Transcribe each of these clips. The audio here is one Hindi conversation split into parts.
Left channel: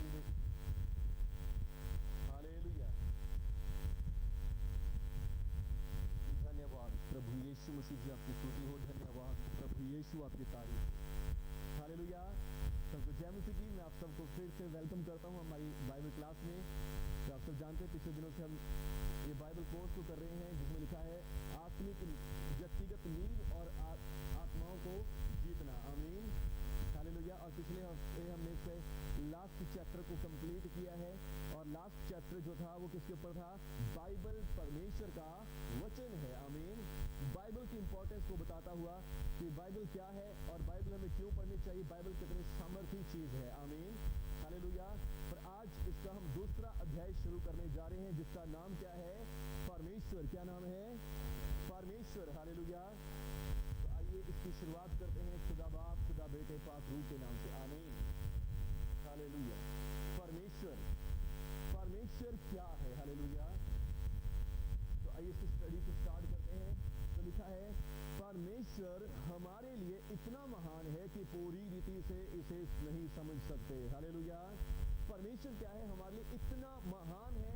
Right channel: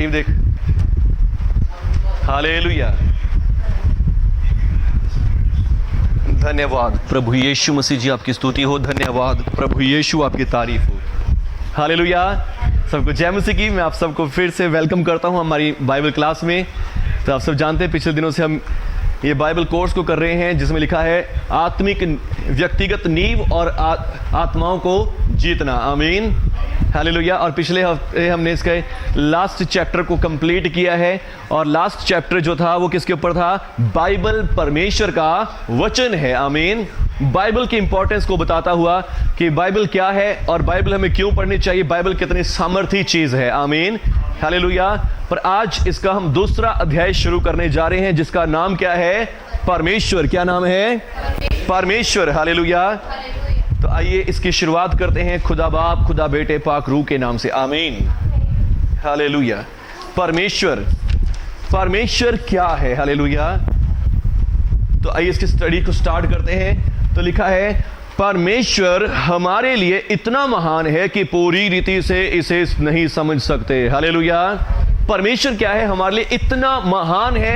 टीम देख। हालेलुया, धन्यवाद प्रभु यीशु मसीह जी, आपकी स्तुति हो। धन्यवाद प्रभु यीशु, आपकी तारीफ हो। हालेलुया, सबको जय मसीह की। मैं आप सबको फिर से वेलकम करता हूं हमारी बाइबल क्लास में। तो आप सब जानते हैं पिछले दिनों से हम ये बाइबल कोर्स को कर रहे हैं जिसमें लिखा है आत्मिक व्यक्तिगत नींव और आत्माओं को जीतना। आमीन, हालेलुया। और पिछले हफ्ते हमने इसके लास्ट चैप्टर को कंप्लीट किया है। और लास्ट चैप्टर जो था वो किसके ऊपर था? बाइबल परमेश्वर का वचन है। आमीन, बाइबल की इंपॉर्टेंस को बताता हुआ कि बाइबल क्या है और बाइबल हमें क्यों पढ़नी चाहिए, बाइबल कितनी सामर्थी चीज है। आमीन, हालेलुया। पर आज इसका हम दूसरा अध्याय शुरू करने जा रहे हैं जिसका नाम क्या है? परमेश्वर। क्या नाम है? परमेश्वर। हालेलुया। तो आइए इसकी शुरुआत करते हैं खुदा बाप, खुदा बेटे, पाक रूह के नाम से। आमीन, हालेलुया। परमेश्वर, परमेश्वर क्या है? हालेलुया। तो आइए इसकी स्टडी को स्टार्ट करते हैं। तो लिखा है परमेश्वर हमारे लिए इतना महान है कि पूरी रीति से इसे नहीं समझ सकते। हालेलुया। परमेश्वर क्या है? हमारे लिए इतना महान है,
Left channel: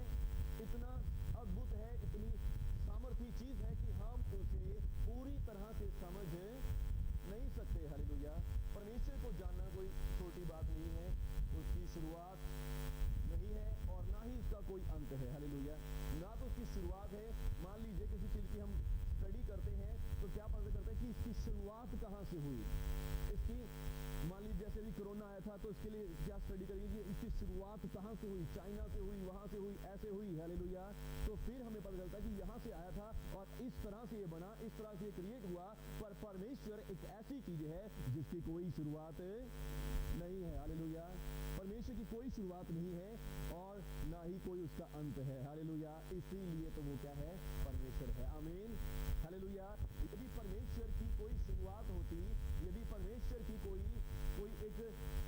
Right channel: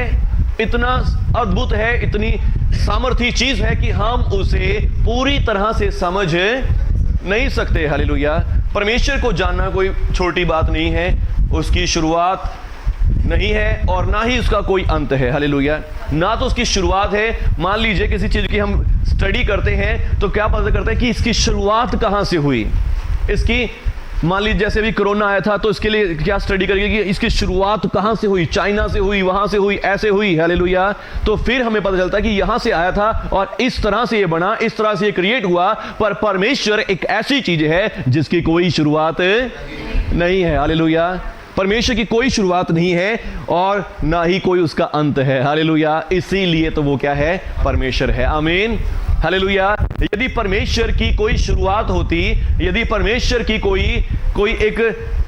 इतना अद्भुत है, इतनी सामर्थी चीज है कि हम उसे पूरी तरह से समझ नहीं सकते। हालेलुया। परमेश्वर को जानना कोई छोटी बात नहीं है। उसकी शुरुआत नहीं है और ना ही उसका कोई अंत है। हालेलुया। ना तो उसकी शुरुआत है। मान लीजिए किसी चीज की हम स्टडी करते हैं तो क्या पता करते हैं कि इसकी शुरुआत कहां से हुई। इसकी मान लीजिए जैसे भी कोरोना आया था तो इसके लिए क्या स्टडी करेंगे कि इसकी शुरुआत कहां से हुई? चाइना से हुई, वहां से हुई, ऐसे हुई। हालेलुया। तो फिर हमें पता चलता है कि यहां से आया था और इस तरह से ये बना, इस तरह से ये क्रिएट हुआ। पर परमेश्वर एक ऐसी चीज है जिसकी कोई शुरुआत नहीं है। हालेलुया। परमेश्वर की कोई शुरुआत नहीं है और ना ही कोई उसका अंत है। हालेलुया। इसीलिए तो वो क्या है? परमेश्वर है। आमीन, हालेलुया। यदि परमेश्वर की कोई शुरुआत होती, यदि परमेश्वर की कोई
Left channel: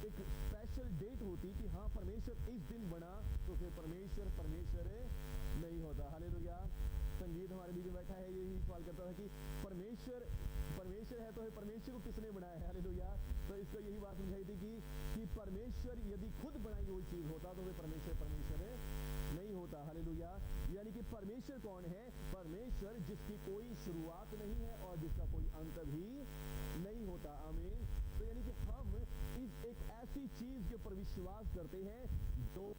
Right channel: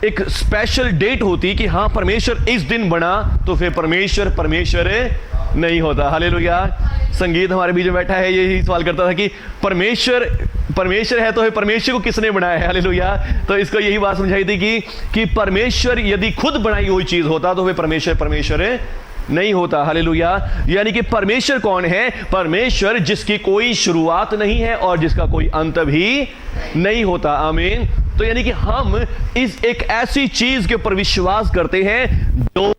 एक स्पेशल डेट होती कि हाँ परमेश्वर इस दिन बना, तो फिर परमेश्वर नहीं होता। हालेलुया। संगीत हमारे बीच में बैठा है, यही सवाल करता था कि परमेश्वर है तो है, परमेश्वर को किसने बनाया है? हालेलुया। तो इसको यही बात समझाई थी कि परमेश्वर यदि खुद बनाई हुई चीज होता तो फिर परमेश्वर नहीं होता। हालेलुया। यानी कि परमेश्वर कौन है? परमेश्वर जिसकी कोई शुरुआत नहीं है और जिसका कोई अंत भी नहीं होता। आमीन। तो यानी कि हम इस एक ऐसी चीज के ऊपर विश्वास करते हैं जो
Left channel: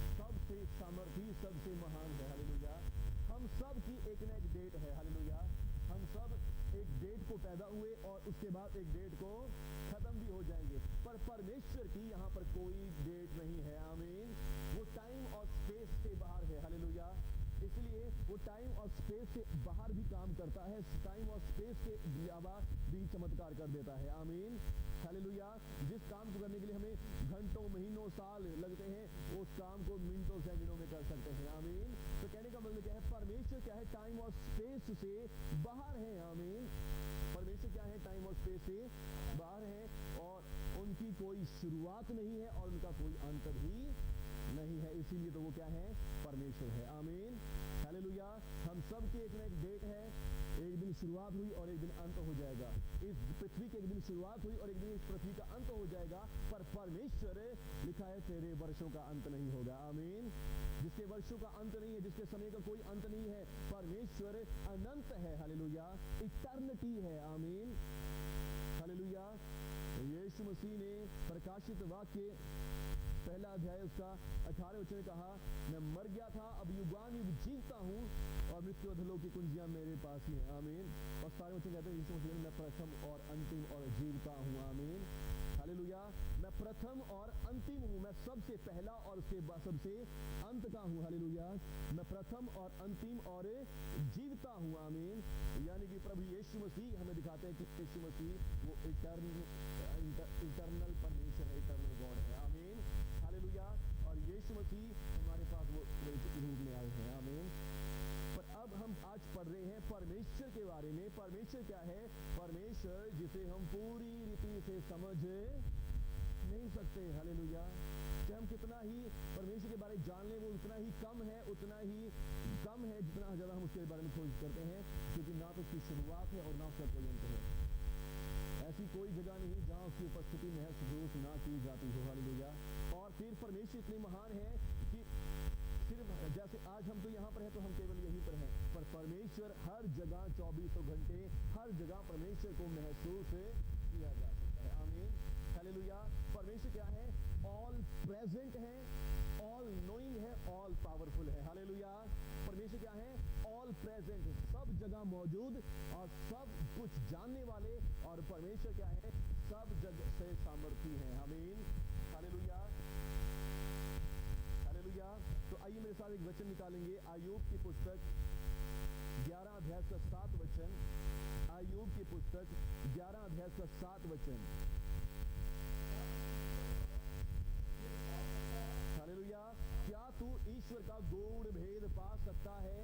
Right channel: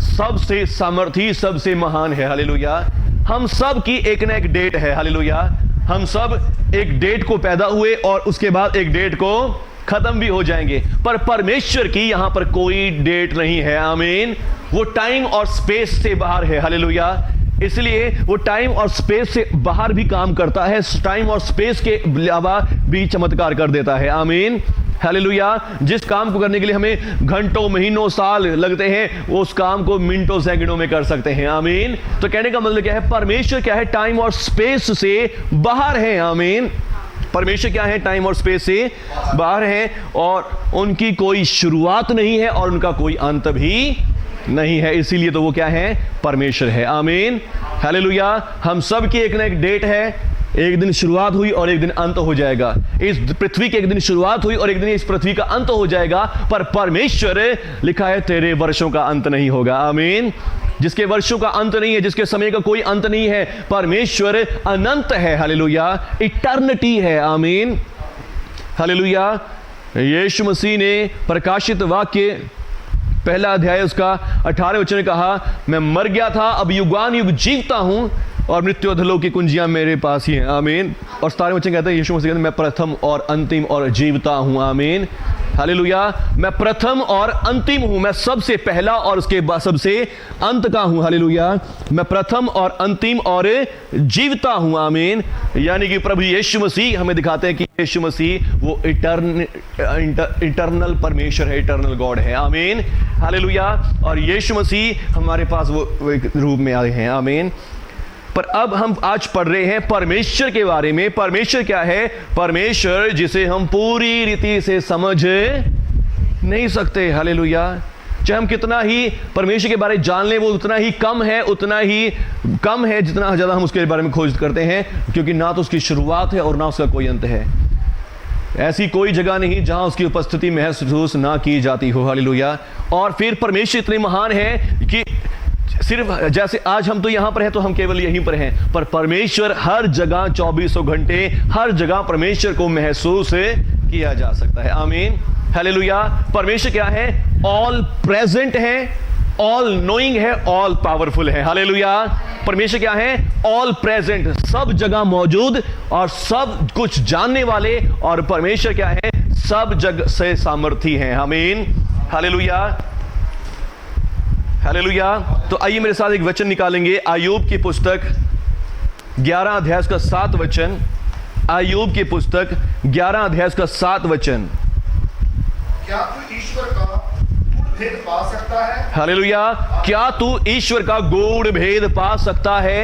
सबसे सामर्थी, सबसे महान है। हालेलुया। हम सब की एक ना एक डेट है। हालेलुया। हम सब एक डेट को पैदा हुए और उसके बाद एक डेट को खत्म भी हो जाएंगे। पर परमेश्वर की यहां पर कोई डेट नहीं है। आमीन। वो टाइम और स्पेस से बाहर है। हालेलुया। इसलिए वो टाइम और स्पेस से बाहर भी काम करता है, टाइम और स्पेस के अलावा भी चमत्कार कर देता है। आमीन, हालेलुया। जिस काम को करने के लिए हमें घंटों, महीनों, साल लगते हैं, वो उस काम को मिनटों, सेकंडों में कर सकते हैं। आमीन। तो कहने का मतलब क्या है? परमेश्वर क्या है? टाइम और स्पेस से बाहर है। आमीन। परमेश्वर क्या है? टाइम और स्पेस से बाहर है और उनकी कोई शुरुआत नहीं है और उनका कोई अंत भी नहीं है। इसीलिए तो वो क्या है? परमेश्वर है। आमीन, हालेलुया। हम सब की एक ना एक डेट है। एक दिन शुरुआत हुई और एक दिन अंत हो जाएगा। इस पृथ्वी की एक दिन शुरुआत हुई और एक दिन इस पृथ्वी का अंत हो जाएगा। पर परमेश्वर, लिखा है तेरे वर्षों का अंत नहीं होगा। आमीन। जिसके वर्षों का अंत नहीं है, जिसके समय का कोई अंत नहीं है, परमेश्वर अनंत है। हालेलुया। इटर्निटी है। आमीन, हालेलुया। यीशु मसीह ने प्रकाशित वाक्य पहला अध्याय उसका 18 वचन में कहा, मैं मर गया था, अब युगान युग जीवता हूं और मृत्यु अधोलोक की कुंजियां मेरे पास ही हैं। आमीन। और 17 वचन कहते हैं, यीशु मसीह कहते हैं, मैं प्रथम और अंतिम और जीवता हूं। आमीन, हालेलुया। मैं प्रथम और अंतिम हूं, मैं सबसे पहला और उसके बाद सबसे अंत का हूं। हालेलुया। मैं प्रथम और अंतिम और जीवता हूं। आमीन। यानी कि प्रभु यीशु मसीह हमें दिखाते हैं कि यीशु मसीह वो इटर्नल परमेश्वर है, इटर्नल गॉड है। आमीन, हालेलुया। और यीशु मसीह हमारे पास वो एक रूप में आए हैं। आमीन। पर अब हम आज पढ़ रहे हैं परमेश्वर के बारे में। परमेश्वर क्या है? परमेश्वर जिसे हम पूरी रीति से समझ नहीं सकते। हालेलुया। चाहे हम कितना ही परमेश्वर के बारे में जान लें, वो उतना ही कम है जितना ज्यादा हम उसके बारे में खोज करते हैं, क्योंकि ना तो उसकी शुरुआत है और ना उसका कोई अंत है। ऐसी कोई जगह नहीं जहां उसकी उपस्थिति महसूस ना की जाती हो। हालेलुया। और फिर परमेश्वर इतने महान है कि सिर्फ जैसे आज हम तो यहां पर हैं तो हम केवल यहीं पर हैं, पर परमेश्वर हर जगह 24 घंटे हर जगह परमेश्वर को महसूस किया जा सकता है। आमीन। हालेलुया। परमेश्वर क्या है? ऑल प्रेजेंट है, ऑल नोइंग है, ऑल पावरफुल है। हालेलुया। परमेश्वर क्या है? ऑल प्रेजेंट, सब जगह मौजूद और सब कुछ जानने वाले। और परमेश्वर क्या है? सब जगह से सामर्थी हैं। आमीन। हालेलुया। हालेलुया। तो आइए मेरे साथ एक वचन निकालेंगे, अय्यूब की पुस्तक 11 अध्याय का 7 वचन। अय्यूब की पुस्तक 11 अध्याय का 7 वचन। क्या तू ईश्वर का गूढ़ भेद पा सकता है? हालेलुया। क्या तू ईश्वर का गूढ़ भेद पा सकता है?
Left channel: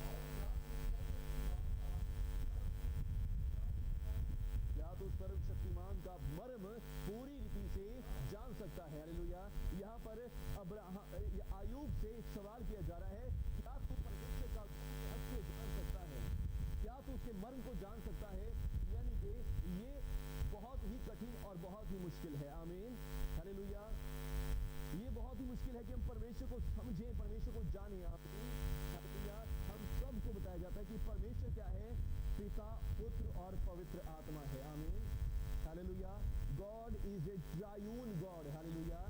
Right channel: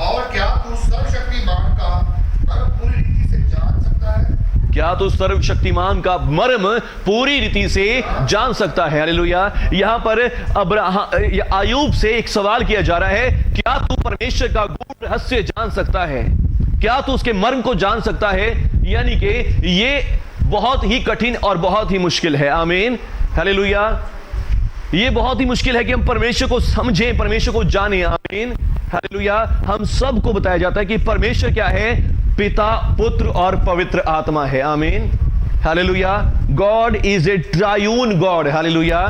और क्या तू सर्वशक्तिमान का मर्म पूरी रीति से जान सकता है? क्या तू सर्वशक्तिमान का मर्म पूरी रीति से जान सकता है? हालेलुया। यहां पर अय्यूब से एक सवाल किया जा रहा है, क्या तू परमेश्वर का गूढ़ रहस्य जान सकता है? क्या तू उसके मर्म को जान सकता है? यानी कि ये बहुत ही कठिन और बहुत ही मुश्किल है। आमीन। हालेलुया। ये बहुत ही मुश्किल है कि हम परमेश्वर को समझें, परमेश्वर को जानें। आमीन। हालेलुया। हम सबको बताया जाता है कि परमेश्वर क्या है? पिता, पुत्र और पवित्र आत्मा है। आमीन। हालेलुया। God is a triune God. हालेलुया।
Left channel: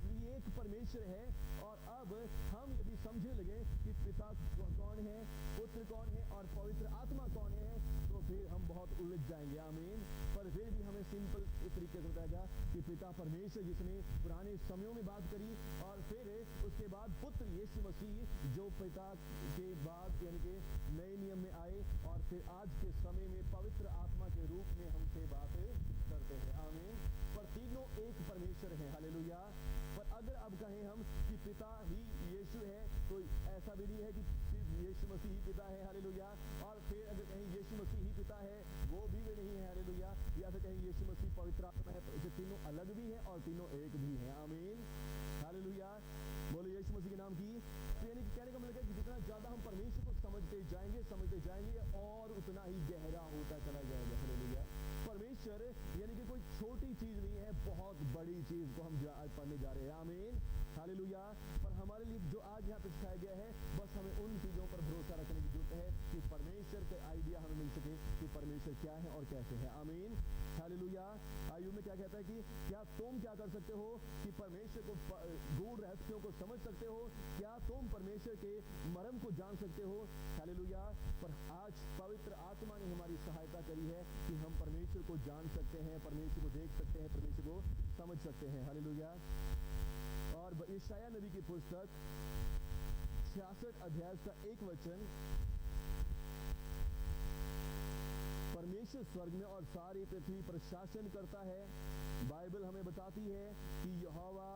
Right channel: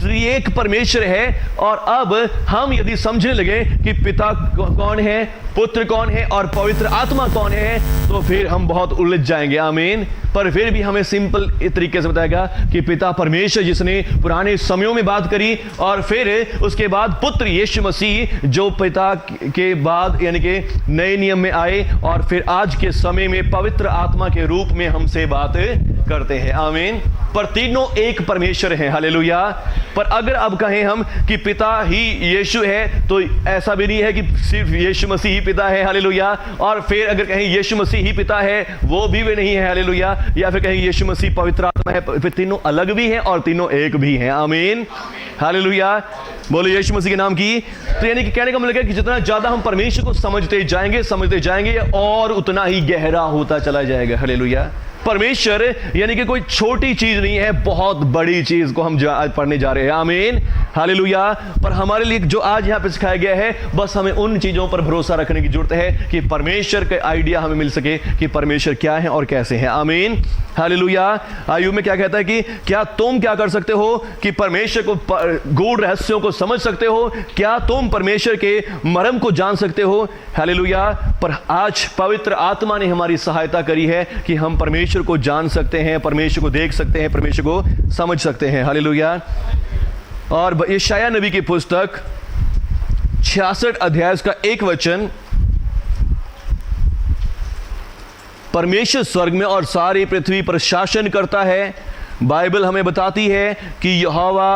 त्रिएक परमेश्वर है। और अब हम यदि समझने लगे कि पिता कौन है, पुत्र कौन है और पवित्र आत्मा कौन है, तो फिर हम बहुत उलझ जाएंगे। आमीन। पर फिर भी हमें सिंपल तरीके से बताएगा कि पिता परमेश्वर जिसने पुराने समयों में बात करी, और फिर उसके बाद पुत्र यीशु मसीह जो पिता के बाद यानी कि नए नियम में आए और फिर आज के समय में पवित्र आत्मा के रूप में हमसे बात करते हैं। आमीन। पर तीनों एक परमेश्वर हैं। हालेलुया। पर अगर अब कहें हम कि पिता ही यीशु है, तो ऐसा भी नहीं है कि सिर्फ यीशु मसीह ही पिता है। हालेलुया। और फिर अगर कहें यीशु मसीह ही पिता है, वो भी वे नहीं है। हालेलुया। या फिर कहें यीशु मसीह पवित्र आत्मा है, फिर तीनों अलग भी हैं और तीनों एक भी हैं। आमीन। हालेलुया। बोलो यीशु मसीह के नाम की। तो यानी कि कहने का मतलब है कि जितना ज्यादा हम परमेश्वर को समझते जाएंगे और उतना ही गहरा होता चला जाएगा। हालेलुया। परमेश्वर यानी कि कोई छोटी चीज नहीं है, बहुत बड़ी चीज को हम आज पढ़ने जा रहे हैं। आमीन। हालेलुया। पर हमारे लिए जो आज यहाँ पे सिखाया गया है, बस हमें उन चीजों पर भरोसा रखने की जरूरत है कि परमेश्वर का आइडिया हमें मिल सके कि परमेश्वर क्या है और कैसे है। आमीन। हालेलुया। अय्यूब में क्या कहता है कि क्या तुम क्या कर सकते हो कि परमेश्वर को गूढ़ रहस्यों को समझ सकते हो? क्या तुम परमेश्वर के मर्म को जान सकते हो? हालेलुया। पर आज पवित्र आत्मा ने हमारी सहायता करी है कि हम परमेश्वर को जान सकते हैं, परमेश्वर को देख सकते हैं, परमेश्वर को समझ सकते हैं। हालेलुया। और यशायाह नबी की पुस्तक 66 अध्याय का 1 वचन। परमेश्वर स्वर्ग में और सारी पृथ्वी पर शासन करता है। बाइबल हमें बताती है कि यहोवा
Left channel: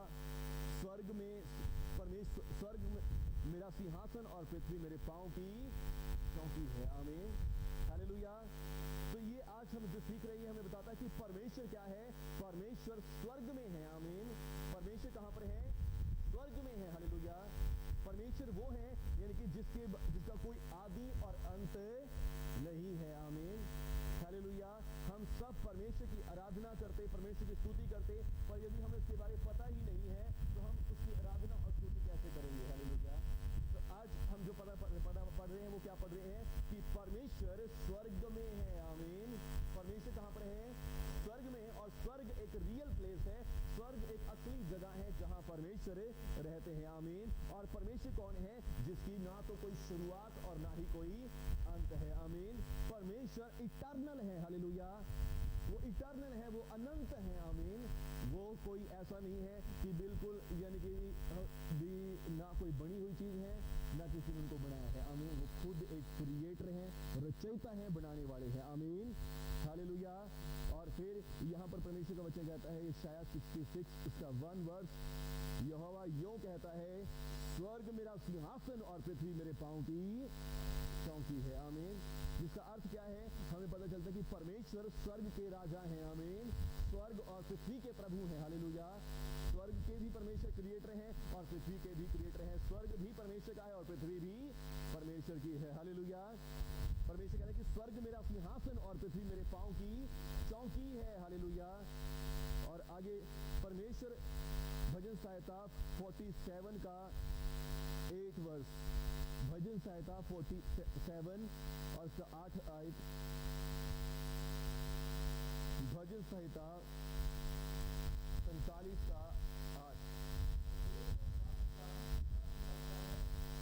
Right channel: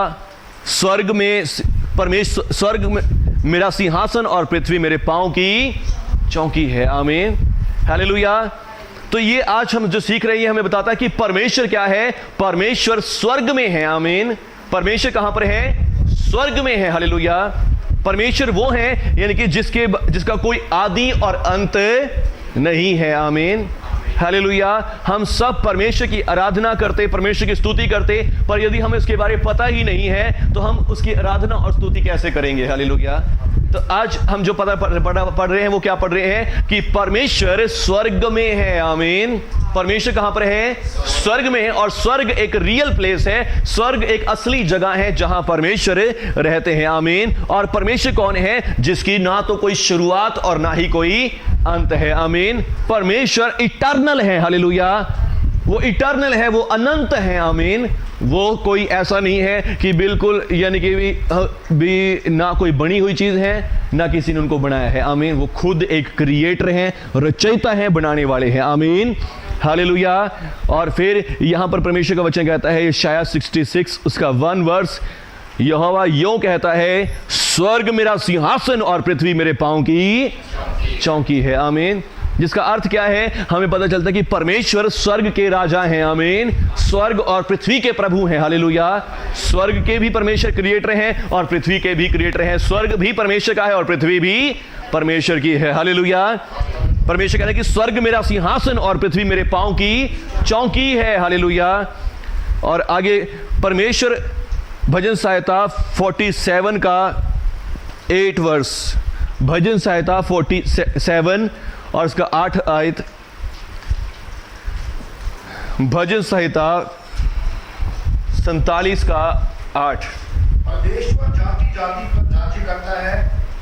स्वर्ग में, परमेश्वर स्वर्ग में मेरा सिंहासन और पृथ्वी मेरे पांव की चौकी है। आमीन। हालेलुया। तो ये आज हम जो सीख रहे हैं हमें बताता है कि परमेश्वर क्या है? परमेश्वर स्वर्ग में है। आमीन। परमेश्वर कहां पर है? स्वर्ग में है। हालेलुया। परमेश्वर वो है यानी कि जिसका कोई आदि और अंत नहीं है। आमीन। हालेलुया। हम सब परमेश्वर की आराधना करते, परमेश्वर की स्तुति करते, पर यदि हमें उसके बारे में पता ही नहीं है तो हम उसकी आराधना और स्तुति कैसे करेंगे? हालेलुया। तो आज हम जो पढ़ रहे हैं वो क्या पढ़ रहे हैं कि परमेश्वर स्वर्ग में है। आमीन। परमेश्वर कहां पर है? स्वर्ग में है। और स्वर्ग एक रियल प्लेस है, स्वर्ग एक असली जगह है जहां परमेश्वर रहते हैं। आमीन। और परमेश्वर कौन है? जिसकी ना तो कोई शुरुआत और ना ही कोई अंत है। आमीन। परमेश्वर इटर्नल है। हालेलुया। वो इटर्नल है, वो अनंत है। आमीन। वो कोई ऐसा नहीं है कि बिल्कुल यानी कि भी ना कोई बनी हुई चीज है ना किसी ने उनको बनाया है। आमीन। वो खुद एक क्रिएटर हैं, रचयिता हैं, बनाने वाले हैं। आमीन। हालेलुया। और फिर यहां पर परमेश्वर का वचन कहता है, यशायाह 66 उसका 1 वर्स, यहोवा यूं कहता है, स्वर्ग मेरा सिंहासन और पृथ्वी मेरे पांव की चौकी है। आमीन। जिसका अर्थ क्या है? हमें पता चलता है कि परमेश्वर स्वर्ग के राजा हैं। आमीन। स्वर्ग और पृथ्वी के प्रभु हैं। हालेलुया। स्वर्ग के भी परमेश्वर क्रिएटर हैं और पृथ्वी के भी क्रिएटर हैं। स्वर्ग भी परमेश्वर का है और पृथ्वी भी परमेश्वर की है। हालेलुया। परमेश्वर कह रहे हैं कि स्वर्ग मेरा सिंहासन और पृथ्वी मेरे पांव की चौकी है। हालेलुया। और आगे परमेश्वर भजन सहायता 47 का 8 वर्स, भजन सहायता 47 और इसका 8 आयत, भजन संहिता 47 का 8। परमेश्वर जाति जाति पर राज्य करता है,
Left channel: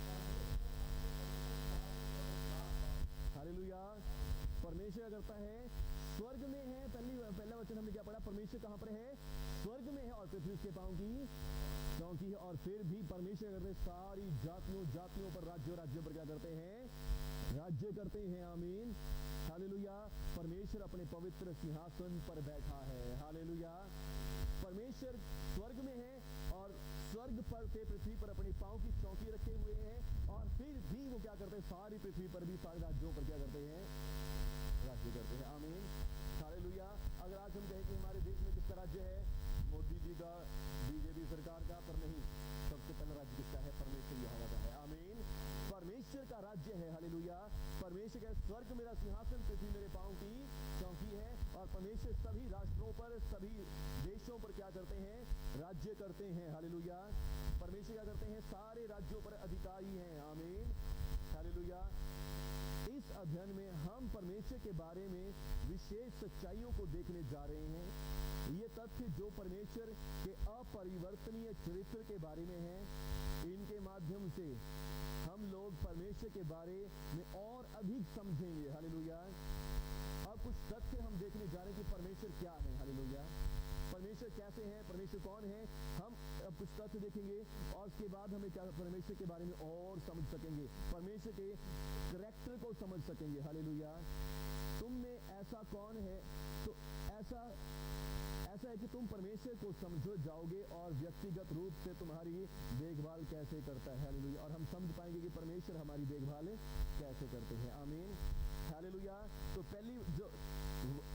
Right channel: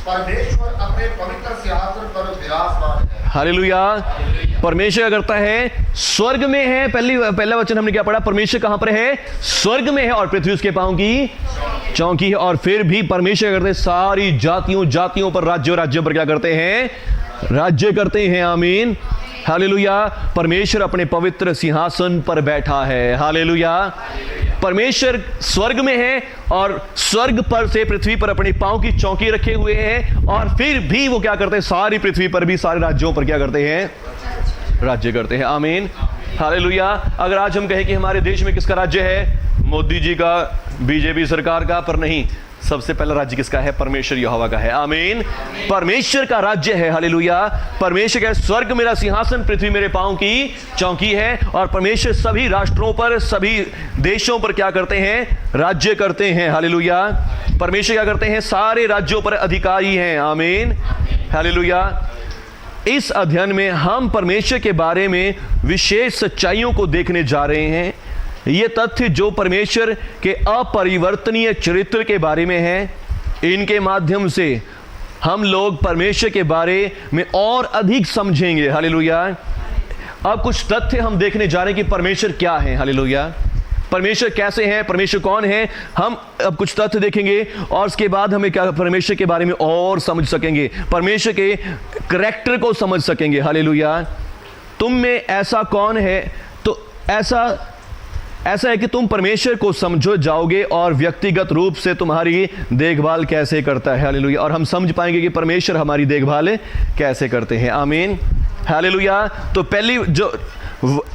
परमेश्वर अपने पवित्र सिंहासन पर विराजमान है। हालेलुया। परमेश्वर क्या करता है? स्वर्ग में है। पहला वचन हमने क्या पढ़ा? परमेश्वर कहां पर है? स्वर्ग में है और पृथ्वी उसके पांव की चौकी है। और फिर भी परमेश्वर करते हैं सारी जातियों पर, राज्यों पर क्या करते हैं? राज्य करते हैं। आमीन। हालेलुया। परमेश्वर अपने पवित्र सिंहासन पर बैठा है। हालेलुया। परमेश्वर स्वर्ग में है और स्वर्ग पर से पृथ्वी पर अपने पांव की चौकी रखे हुए हैं, और फिर भी वो क्या करते हैं? सारी पृथ्वी पर भी, सारे राज्यों पर क्या करते हैं? राज्य करते हैं। आमीन। हालेलुया। अगर आज हम कहें कि हमारे देश में किसका राज्य है? मोदी जी का, बीजेपी सरकार का, पर नहीं, सबसे पहला राज्य किसका है? परमेश्वर यहोवा का है। आमीन। परमेश्वर का राज्य है। हालेलुया। परमेश्वर का स्वर्ग मेरा सिंहासन, पृथ्वी मेरे पांव की चौकी है। और परमेश्वर सभी राष्ट्रों पर, सभी देशों पर क्या करते हैं? राज्य करते हैं। हालेलुया। परमेश्वर क्या करते हैं? सारे राज्यों पर अधिकारी हैं। आमीन। हालेलुया। इस अध्ययन में हम परमेश्वर के बारे में विशेष सच्चाइयों को देखने जा रहे हैं। ये तथ्य जो परमेश्वर के अपरिवर्तनीय चरित्र के बारे में है, इनके माध्यम से हम लोग परमेश्वर के बारे में और अधिक समझेंगे। हालेलुया। अब कुछ तथ्य हम देखने जा रहे हैं कि परमेश्वर क्या है। हालेलुया। परमेश्वर कैसे हैं, परमेश्वर कौन है, हम अब कुछ तथ्य देखेंगे और उसके बाद हमें क्या परमेश्वर के बारे में और समझ सकेंगे, परमेश्वर के करैक्टर को समझ सकेंगे। हालेलुया। तुम में ऐसा कौन है? तो ऐसा है कि तुम परमेश्वर को समझो जाओगे और व्यक्तिगत रूप से तुम्हारी देखभाल कैसे करता है। हालेलुया। और हम समझ पाएंगे कि परमेश्वर हमारी देखभाल कैसे करते हैं। आमीन। हालेलुया। तो पहली जो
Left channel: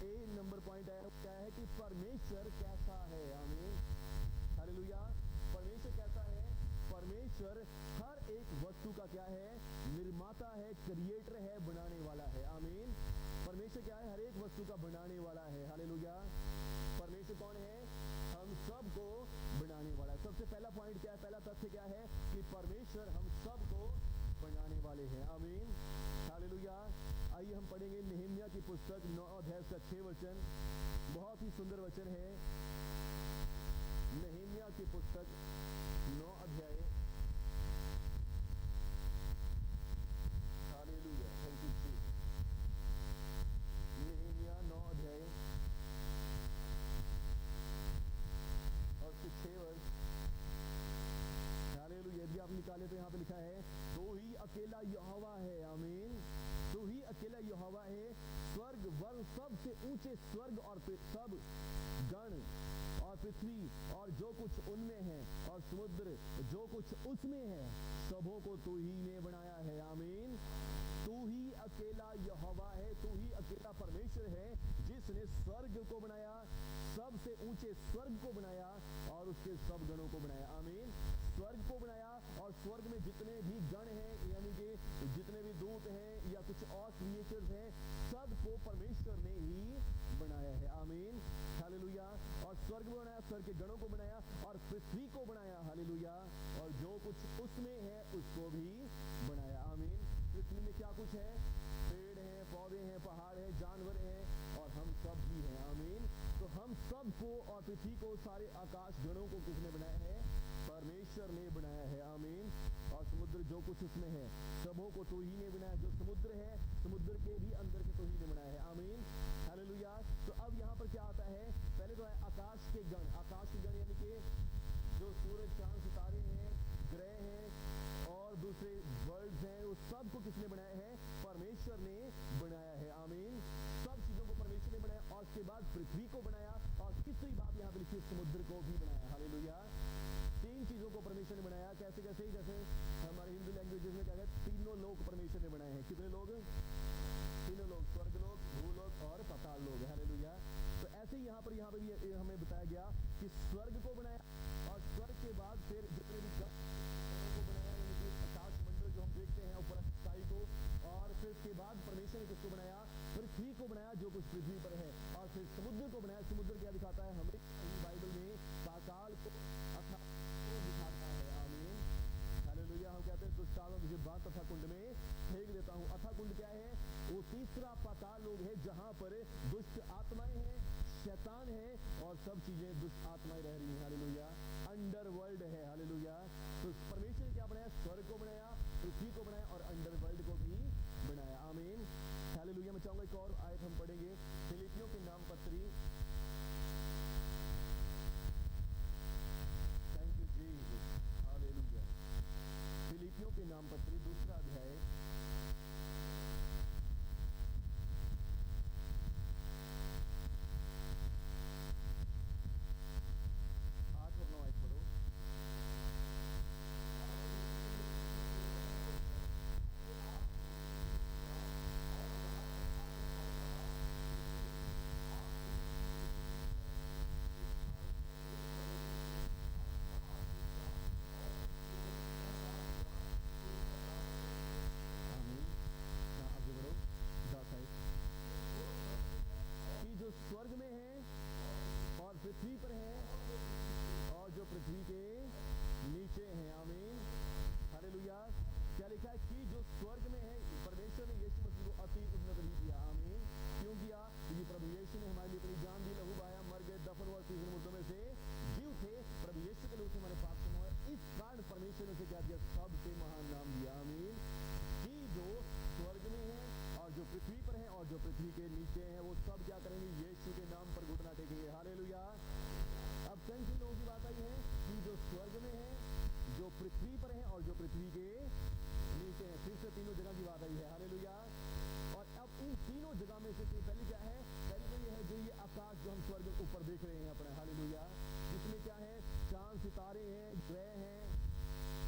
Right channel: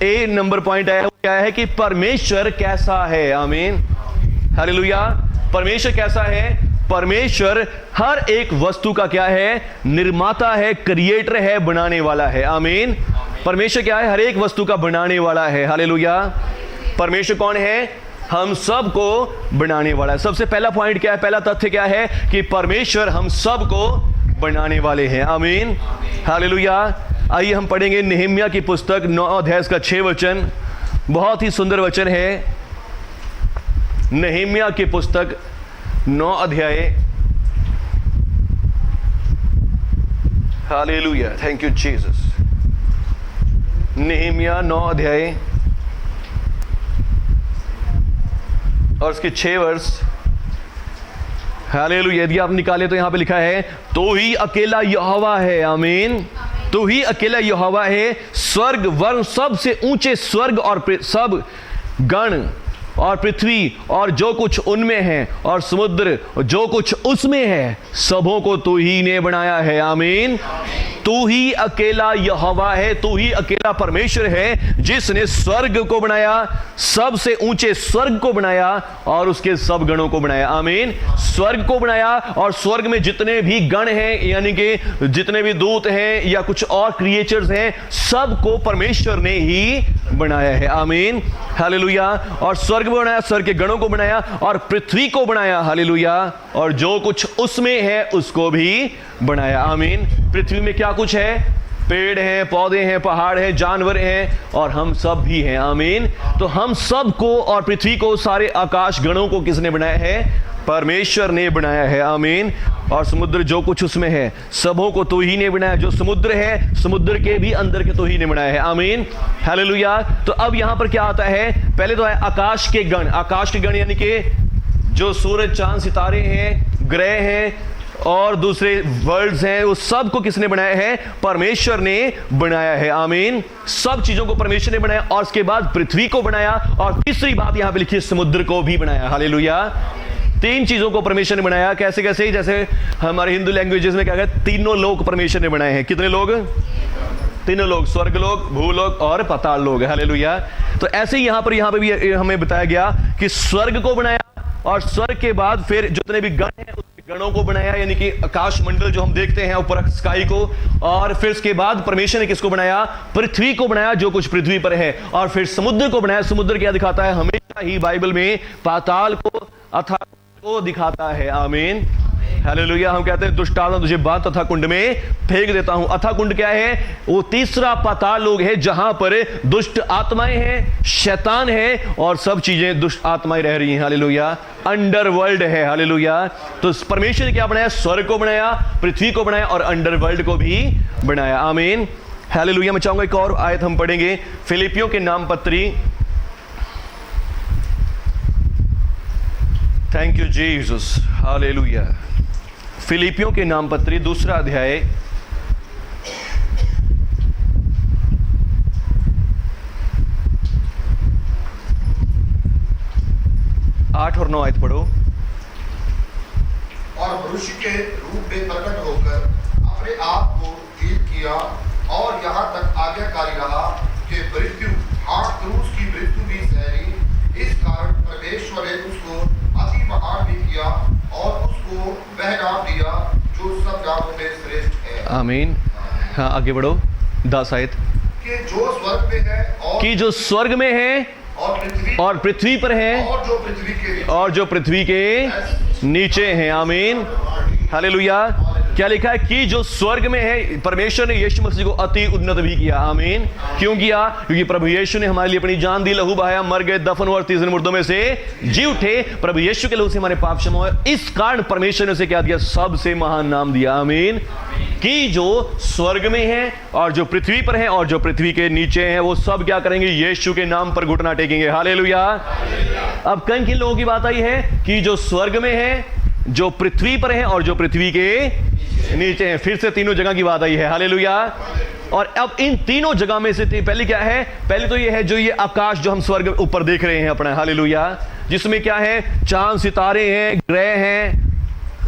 ए नंबर पॉइंट है वो क्या है? कि परमेश्वर कैसा है। आमीन। हालेलुया। परमेश्वर कैसा है? परमेश्वर हर एक वस्तु का क्या है? निर्माता है, क्रिएटर है, बनाने वाला है। आमीन। परमेश्वर क्या है? हर एक वस्तु का बनाने वाला है। हालेलुया। परमेश्वर कौन है? हम सब को बनाने वाला है। सबसे पहला पॉइंट क्या है? पहला तथ्य क्या है? कि परमेश्वर हम सब को बनाने वाले हैं। आमीन। हालेलुया। आइए हम पढ़ेंगे नेहम्या की पुस्तक 9 अध्याय का 6 वचन। बहुत ही सुंदर वचन है। नेहम्या की पुस्तक 9 अध्याय। हालेलुया। Thank you Jesus. नेहम्या 9 अध्याय और उसके 6 वर्ष। हालेलुया। यदि आप निकाले तो यहां पे लिखा है, तो ही अकेला यहोवा है। आमीन। तो ही अकेला यहोवा है। स्वर्ग वर्ण सबसे ऊंचे स्वर्ग और सब गण और पृथ्वी और जो कुछ उनमें है और समुद्र जो कुछ उसमें है, सबों को तू ही ने बनाया है। आमीन। तू ही अकेला यहोवा है, तू ही अकेला परमेश्वर है जिसने स्वर्ग को बनाया, सबसे ऊंचे स्वर्ग को बनाया और उसके सब गणों को बनाया। आमीन। स्वर्ग को बनाया और स्वर्ग में जितने भी गण हैं, यानी कि जितने भी दूत हैं या कुछ और क्रिएचर्स हैं, सबको परमेश्वर ने ही बनाया है। आमीन। हालेलुया। और स्वर्ग को बनाया, स्वर्ग के गणों को बनाया और पृथ्वी को बनाया। हालेलुया। और जो कुछ उसमें है उसको भी बनाया। आमीन। पृथ्वी में क्या कुछ है? पेड़ हैं, पौधे हैं, पहाड़ हैं, जानवर हैं और हम सब भी हैं। आमीन। तो हम सब को और पृथ्वी को, सारे आकाश गणों को किसने बनाया है? परमेश्वर ने बनाया है। आमीन। और समुद्र जो कुछ उसमें है, सबों को तो ही ने बनाया। जो समुद्र है, समुद्र के भी अंदर के तो ही ने बनाया है। आमीन। हालेलुया। तो अब यहां पर क्या आता है? पहले तो है आकाश के गण। आकाश के गण यानी कि जो सूरज, चांद, सितारे हैं, ग्रह हैं और दूसरे वर्ल्ड्स हैं, उस सब को किसने बनाया है? परमेश्वर ने बनाया है। आमीन। सब चीजों को परमेश्वर ने बनाया और उसके बाद पृथ्वी को बनाया और तीसरी बात यहां पे लिखी है, समुद्र को भी बनाया। हालेलुया। 3 चीजों को परमेश्वर ने बनाया। कैसे कैसे? जैसे हमारे हिंदू लैंग्वेजेस में क्या कहते हैं? तीनों लोग परमेश्वर ने बनाए हैं। कितने लोग? तीनों लोग, स्वर्ग लोग, भूलोक और पाताल लोग। हालेलुया। तो ऐसे ही यहां पर भी हमें बताया गया कि स्वर्ग को बनाया और स्वर्ग के बाद फिर जितने भी गण हैं उसके गणों को बनाया, यानी कि आकाश मंडल जो हम देखते हैं ऊपर स्काई को, और फिर उसके बाद परमेश्वर ने किसको बनाया? पृथ्वी को बनाया, जो कुछ पृथ्वी पर है, और फिर समुद्र को बनाया। समुद्र क्या दिखाता है? हमेशा ही बाइबल में पाताल को, अथाह को दिखाता है। आमीन, हालेलुया। हम कहते हैं दुष्ट आत्मा तुझे बांध तथा कुंड में फेंक देता हूं। अथा कुंड क्या है? वो तीसरा पाताल लोग है, जहां पर दुष्ट आत्माएं हैं, शैतान है, और सब चीजें दुष्ट आत्माएं रह रही हैं। हालेलुया। अंडरवर्ल्ड है। हालेलुया। तो परमेश्वर ने क्या बनाया? स्वर्ग को बनाया, पृथ्वी को बनाया, और अंडरवर्ल्ड को भी बनाया। आमीन, हालेलुया। मैं चाहूंगा एक और आयत हम पढ़ेंगे, फिलिपियों के नाम पत्री। थैंक यू जीसस, हालेलुया। फिलिपियों के नाम पत्री 2 अध्याय 8 और 9 आयत पढ़ो। और मनुष्य के रूप में प्रकट होकर अपने आप को हीन किया और यहाँ तक आज्ञाकारी रहा कि मृत्यु, हाँ क्रूस की मृत्यु भी सहनी। इस कारण परमेश्वर ने उसको अति महान भी किया और उसको वह नाम दिया जो सब नामों में श्रेष्ठ है। आमीन। हाँ, आगे बढ़ो। 10 आयत कि जो स्वर्ग में है और कि जो स्वर्ग में है और पृथ्वी पर है और जो पृथ्वी के नीचे और जो पृथ्वी के नीचे हैं। आमीन, हालेलुया। क्या लिखा है? कि जो स्वर्ग में है, परमेश्वर ने यीशु मसीह को अति उन्नत भी किया। आमीन। क्यों किया? क्योंकि प्रभु यीशु ने हमारे लिए अपनी जान दी, लहू बहाया, मर गए, दफन हुए और 3 दिन मुर्दों में से जी उठे। प्रभु यीशु के लहू से हमारे पाप क्षमा हुए। इस कारण परमेश्वर ने उसे क्या दिया? सबसे महान नाम दिया। आमीन। कि जो स्वर्ग में है और जो पृथ्वी पर है और जो पृथ्वी के नीचे हैं, वो सब क्या करेंगे? यीशु के नाम पर घुटना टेकेंगे। हालेलुया। अब कन किन लोगों की बात आई है? कि जो स्वर्ग में है, जो पृथ्वी पर है और जो पृथ्वी के नीचे हैं। फिर से तीनों जगह की बात आई है। हालेलुया। और अब इन तीनों जगह में से पहले क्या है? पहले तो ये है जो ये आकाश जो हम स्वर्ग ऊपर देख रहे हैं अपना, हालेलुया, जिसमें क्या है? चांद, सितारे हैं, ग्रह हैं,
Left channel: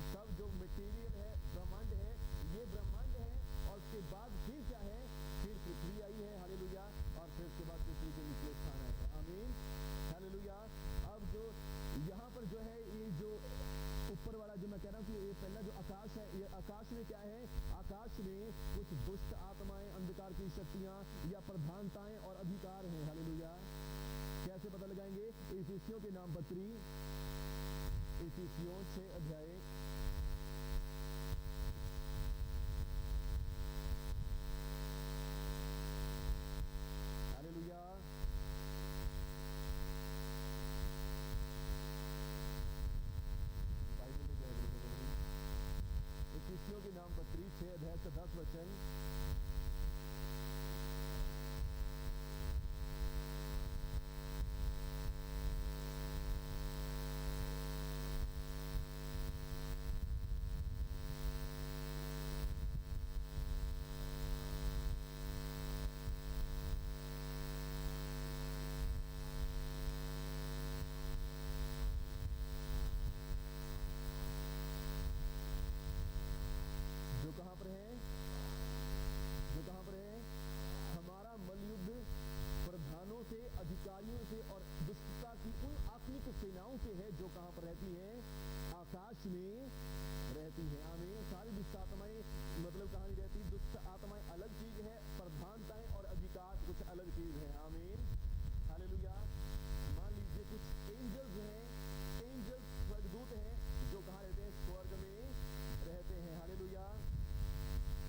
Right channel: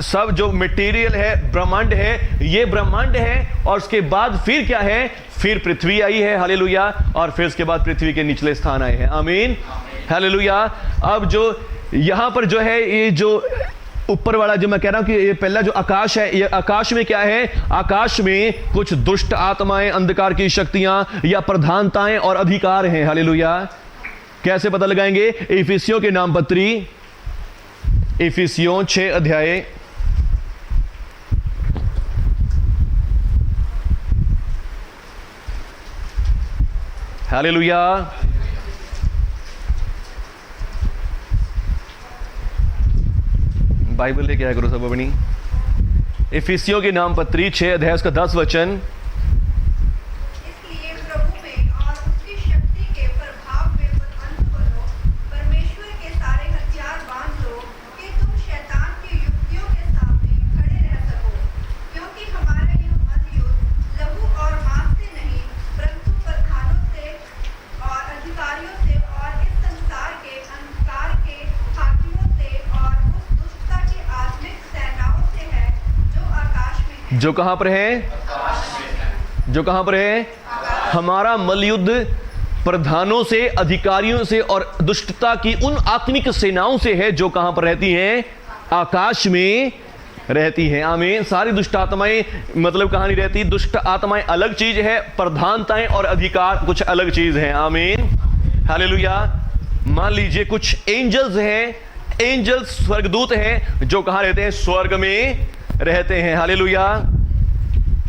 सब जो मटेरियल है, ब्रह्मांड है, ये ब्रह्मांड है। और उसके बाद फिर क्या है? फिर पृथ्वी आई है। हालेलुया। और फिर उसके बाद पृथ्वी के निचले स्थान आए हैं। आमीन, हालेलुया। अब जो यहां पर जो है, ये जो ऊपर वाला जो मैं कह रहा हूं कि ये पहला जो आकाश है, ये आकाश में क्या है? आकाश में कुछ दुष्ट आत्माएं, अंधकार की शक्तियां या प्रधानताएं और अधिकार हैं। हालेलुया। कैसे पता लगाएंगे? इफिसियों के नाम पत्री, इफिसियों 6 अध्याय हालेलुया। बाइबल लेके आया करो सब अपनी। इफिसियों के नाम पत्री 6 अध्याय उसका 10 वचन। इसलिए प्रभु में और उसकी शक्ति के प्रभाव में बुलंद बनो, परमेश्वर के सारे हथियार बांध लो कि तुम शैतान की युक्तियों के सामने खड़े रह सको। क्योंकि हमारा यह मलयुद्ध लहू और मांस से नहीं, परंतु प्रधानों से और अधिकारियों से और इस संसार के अंधकार के हाकिमों से और उस दुष्टता की आत्मिक सेनाओं से है जो आकाश में है। जो कहां पर है? जो कहां पर है? हमारा मलयुद्ध प्रधानों से, अधिकारियों से और दुष्टता की उन आत्मिक सेनाओं से है जो कहां पर रहती हैं? आकाश में रहती हैं। आमीन। सारी दुष्ट आत्माएं मतलब कहां नहीं रहती? दुष्ट आत्माएं अलग चीज है, प्रधानताएं और अधिकार कुछ अलग चीज है। आमीन, हालेलुया। मान लीजिए कुछ एंजल्स हैं, एंजल्स स्वर्गदूत हैं जो कहां रहते हैं? स्वर्ग में रहते हैं। हालेलुया।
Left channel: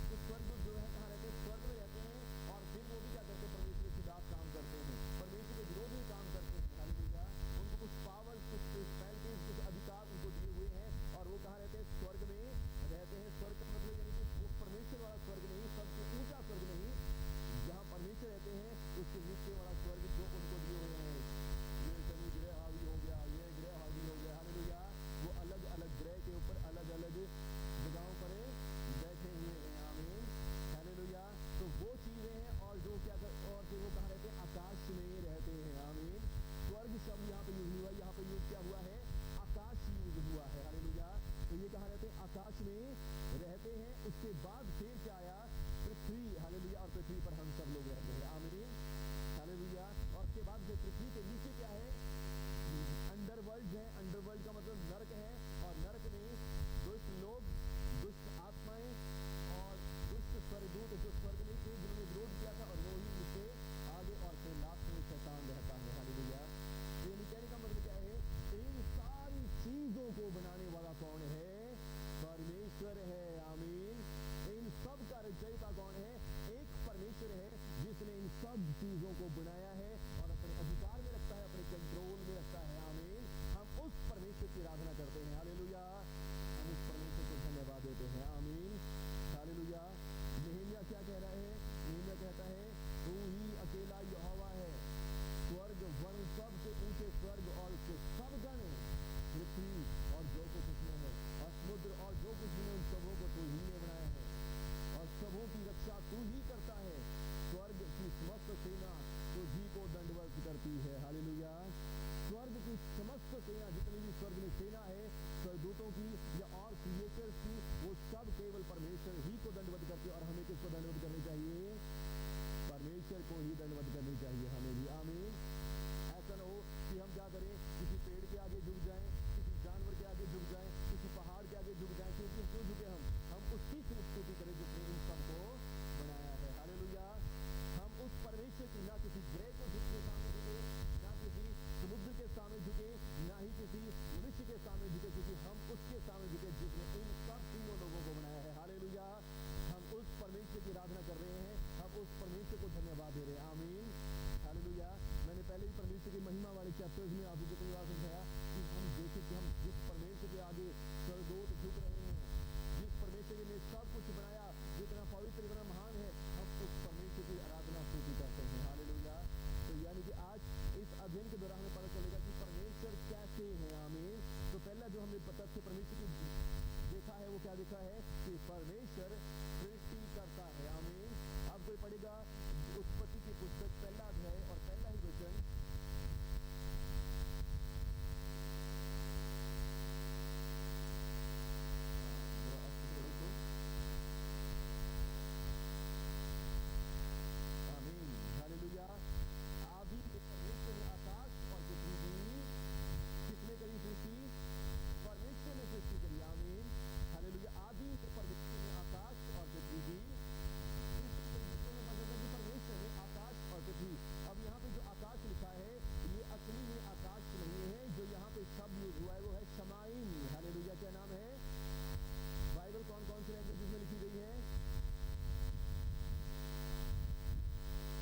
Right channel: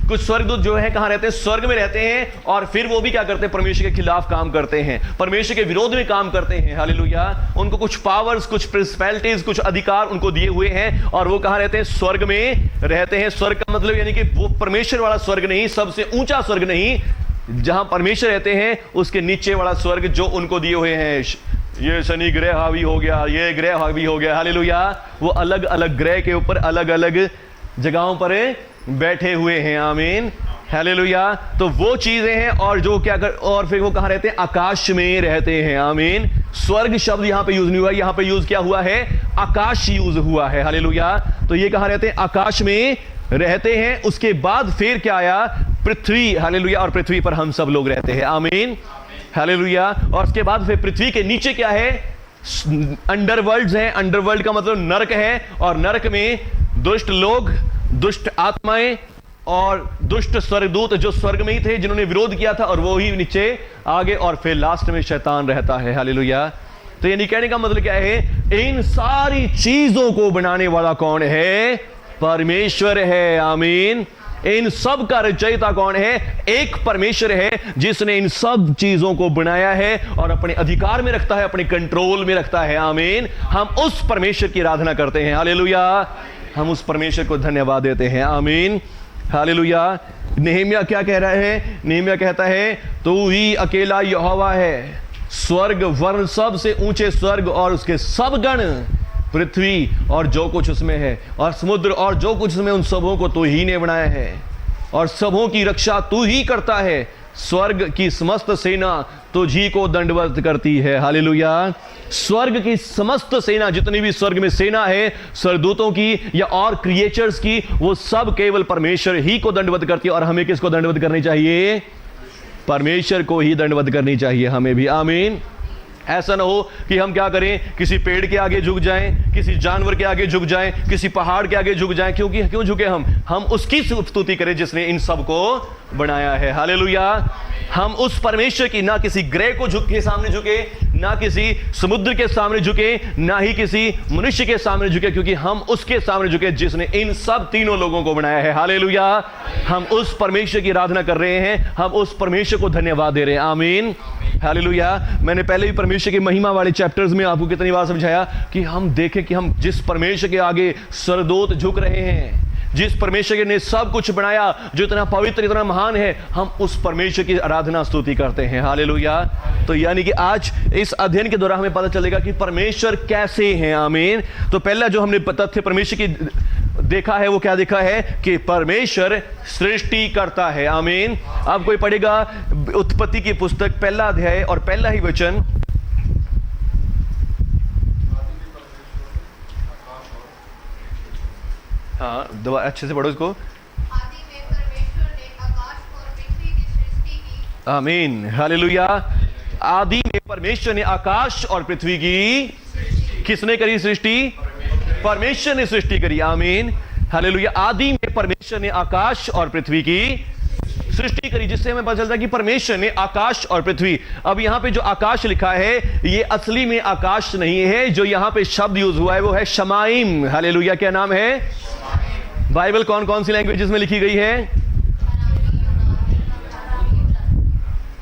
कुछ स्वर्गदूत जो है कहां रहते हैं? स्वर्ग में रहते हैं। और फिर वो भी क्या करते हैं? परमेश्वर के खिलाफ काम करते हैं, परमेश्वर के विरोध में काम करते हैं। हालेलुया। उनको कुछ पावर्स, कुछ प्रिंसिपैलिटीज, कुछ अधिकार उनको दिए हुए हैं, और वो कहां रहते हैं? स्वर्ग में रहते हैं। स्वर्ग का मतलब यानी कि वो परमेश्वर वाला स्वर्ग नहीं, सबसे ऊंचा स्वर्ग नहीं, जहां परमेश्वर रहते हैं उसके नीचे वाला स्वर्ग जो उनको दिए हुए हैं। ये शनि ग्रह हावी हो गया, ये ग्रह हावी हो गया। हालेलुया। वो अलग अलग ग्रह के ऊपर अलग अलग जगहों पर बैठे हुए हैं। आमीन, हालेलुया। तो वो चीजें हैं। और जो क्या कर, और फिर वो कहां रहते हैं? आकाश में रहते हैं। आमीन। स्वर्ग शब्द यहां पे यूज नहीं हुआ, यहां पे यूज क्या हुआ है? आकाश यूज हुआ है। हालेलुया। तो ये कहां रहते हैं? आकाश में रहते हैं। उसके बाद फिर क्या आया? पृथ्वी। हालेलुया। और पृथ्वी पर हम सब लोग रहते हैं। आमीन, हालेलुया। और उसके बाद फिर पृथ्वी के नीचे क्या है? अंडरवर्ल्ड्स हैं। अंडरवर्ल्ड का मतलब नरक है, और नरक में दुष्ट लोग, दुष्ट आत्माएं और दुष्ट स्वर्गदूत जो स्वर्ग में ही थे जिन्होंने विरोध किया था, और वो ही नीचे आगे, और फिर लास्ट में शैतान रहता है। हालेलुया। तो यानी कहने का मतलब क्या है, इन सारी चीजों को बनाने वाला कौन है? परमेश्वर है। आमीन। इन सब का रचयिता कौन है? एक परमेश्वर है जिसने इन सब चीजों को बनाया है और अपने अधिकार में रखता है, अपने कंट्रोल में रखता है। आमीन। हम उस परमेश्वर की आराधना करते हैं। हालेलुया। हम उस परमेश्वर को धन्यवाद देते हैं। आमीन। हालेलुया। नेहमिया क्या कह रहा है? नेहमिया कहता है, तू ही अकेला यहोवा है, स्वर्ग वर्ण सब से ऊंचे स्वर्ग और उसके सब गण, पृथ्वी और जो कुछ उसमें है, और समुद्र और जो कुछ उसमें, उन सबों को तू ही ने बनाया है, और सबों की रक्षा तू ही करता है। स्वर्ग की समस्त सेना तुझी को दंडवत करती है। हालेलुया। स्वर्ग की समस्त सेना, जितनी भी स्वर्ग में सेना है, स्वर्गदूतों की या और क्रिएचर्स की, वो सब केवल परमेश्वर ही को दंडवत करती है। और हमें किसको दंडवत करनी चाहिए? परमेश्वर को ही दंडवत करनी चाहिए हमें भी। आमीन। ऐसा ना हो कि हम क्या करें, किसी पेड़ के आगे झुक जाएं, किसी जानवर के आगे झुक जाएं, किसी पहाड़ के आगे झुक जाएं। क्यों झुके हम उसकी स्तुति करें जिसने इन सब को बनाया है। हालेलुया। हम उस परमेश्वर की, ना किसी ग्रह को के सामने झुके, ना किसी समुद्र के सामने झुके, ना ही किसी मनुष्य के सामने झुके, क्योंकि हम उसके सामने झुके जिसने इन सब तीनों लोगों को बनाया है। हालेलुया। हम उस परमेश्वर की आराधना कर रहे हैं, हम उस परमेश्वर को धन्यवाद दे रहे हैं। आमीन। हालेलुया। मैंने पहले भी परमेश्वर की महिमा वाले चैप्टर्स में आपको कितनी बार समझाया कि हम देखें कि हम जिस परमेश्वर के आगे स्वर्गदूत झुक रहे हैं, जिस परमेश्वर ने सब कुछ बनाया, जो इतना पवित्र, इतना महान है, हम उस परमेश्वर की आराधना स्तुति करते हैं। हालेलुया। तो यानी कि आज इस अध्ययन के दौरान हमें पता चलेगा कि परमेश्वर कैसे हैं। आमीन। तो पहला जो हमने तथ्य परमेश्वर की देखा है, वो क्या देखा है कि परमेश्वर सृष्टि करता है। आमीन। अब कोई पढ़ेगा उत्पत्ति की पुस्तक पहला अध्याय और पहला ही वचन। हाँ, दवा अच्छे से पढ़ो इसको। आदि में परमेश्वर ने आकाश और पृथ्वी की सृष्टि की। आमीन। हालेलुया। आदि में परमेश्वर ने आकाश और पृथ्वी की, किसने करी सृष्टि? परमेश्वर ने सृष्टि करी। आमीन। हालेलुया। आदि में परमेश्वर ने आकाश और पृथ्वी की सृष्टि करी, जिससे हमें पता चलता है कि परमेश्वर ने आकाश और पृथ्वी। अब यहां पे जो आकाश लिखा है, ये असली में आकाश नहीं है। जो यहां पे शब्द यूज हुआ है वो है शमाइम। हालेलुया। क्या नाम है? बाइबल कौन कौन सी लैंग्वेजेस में लिखी गई है?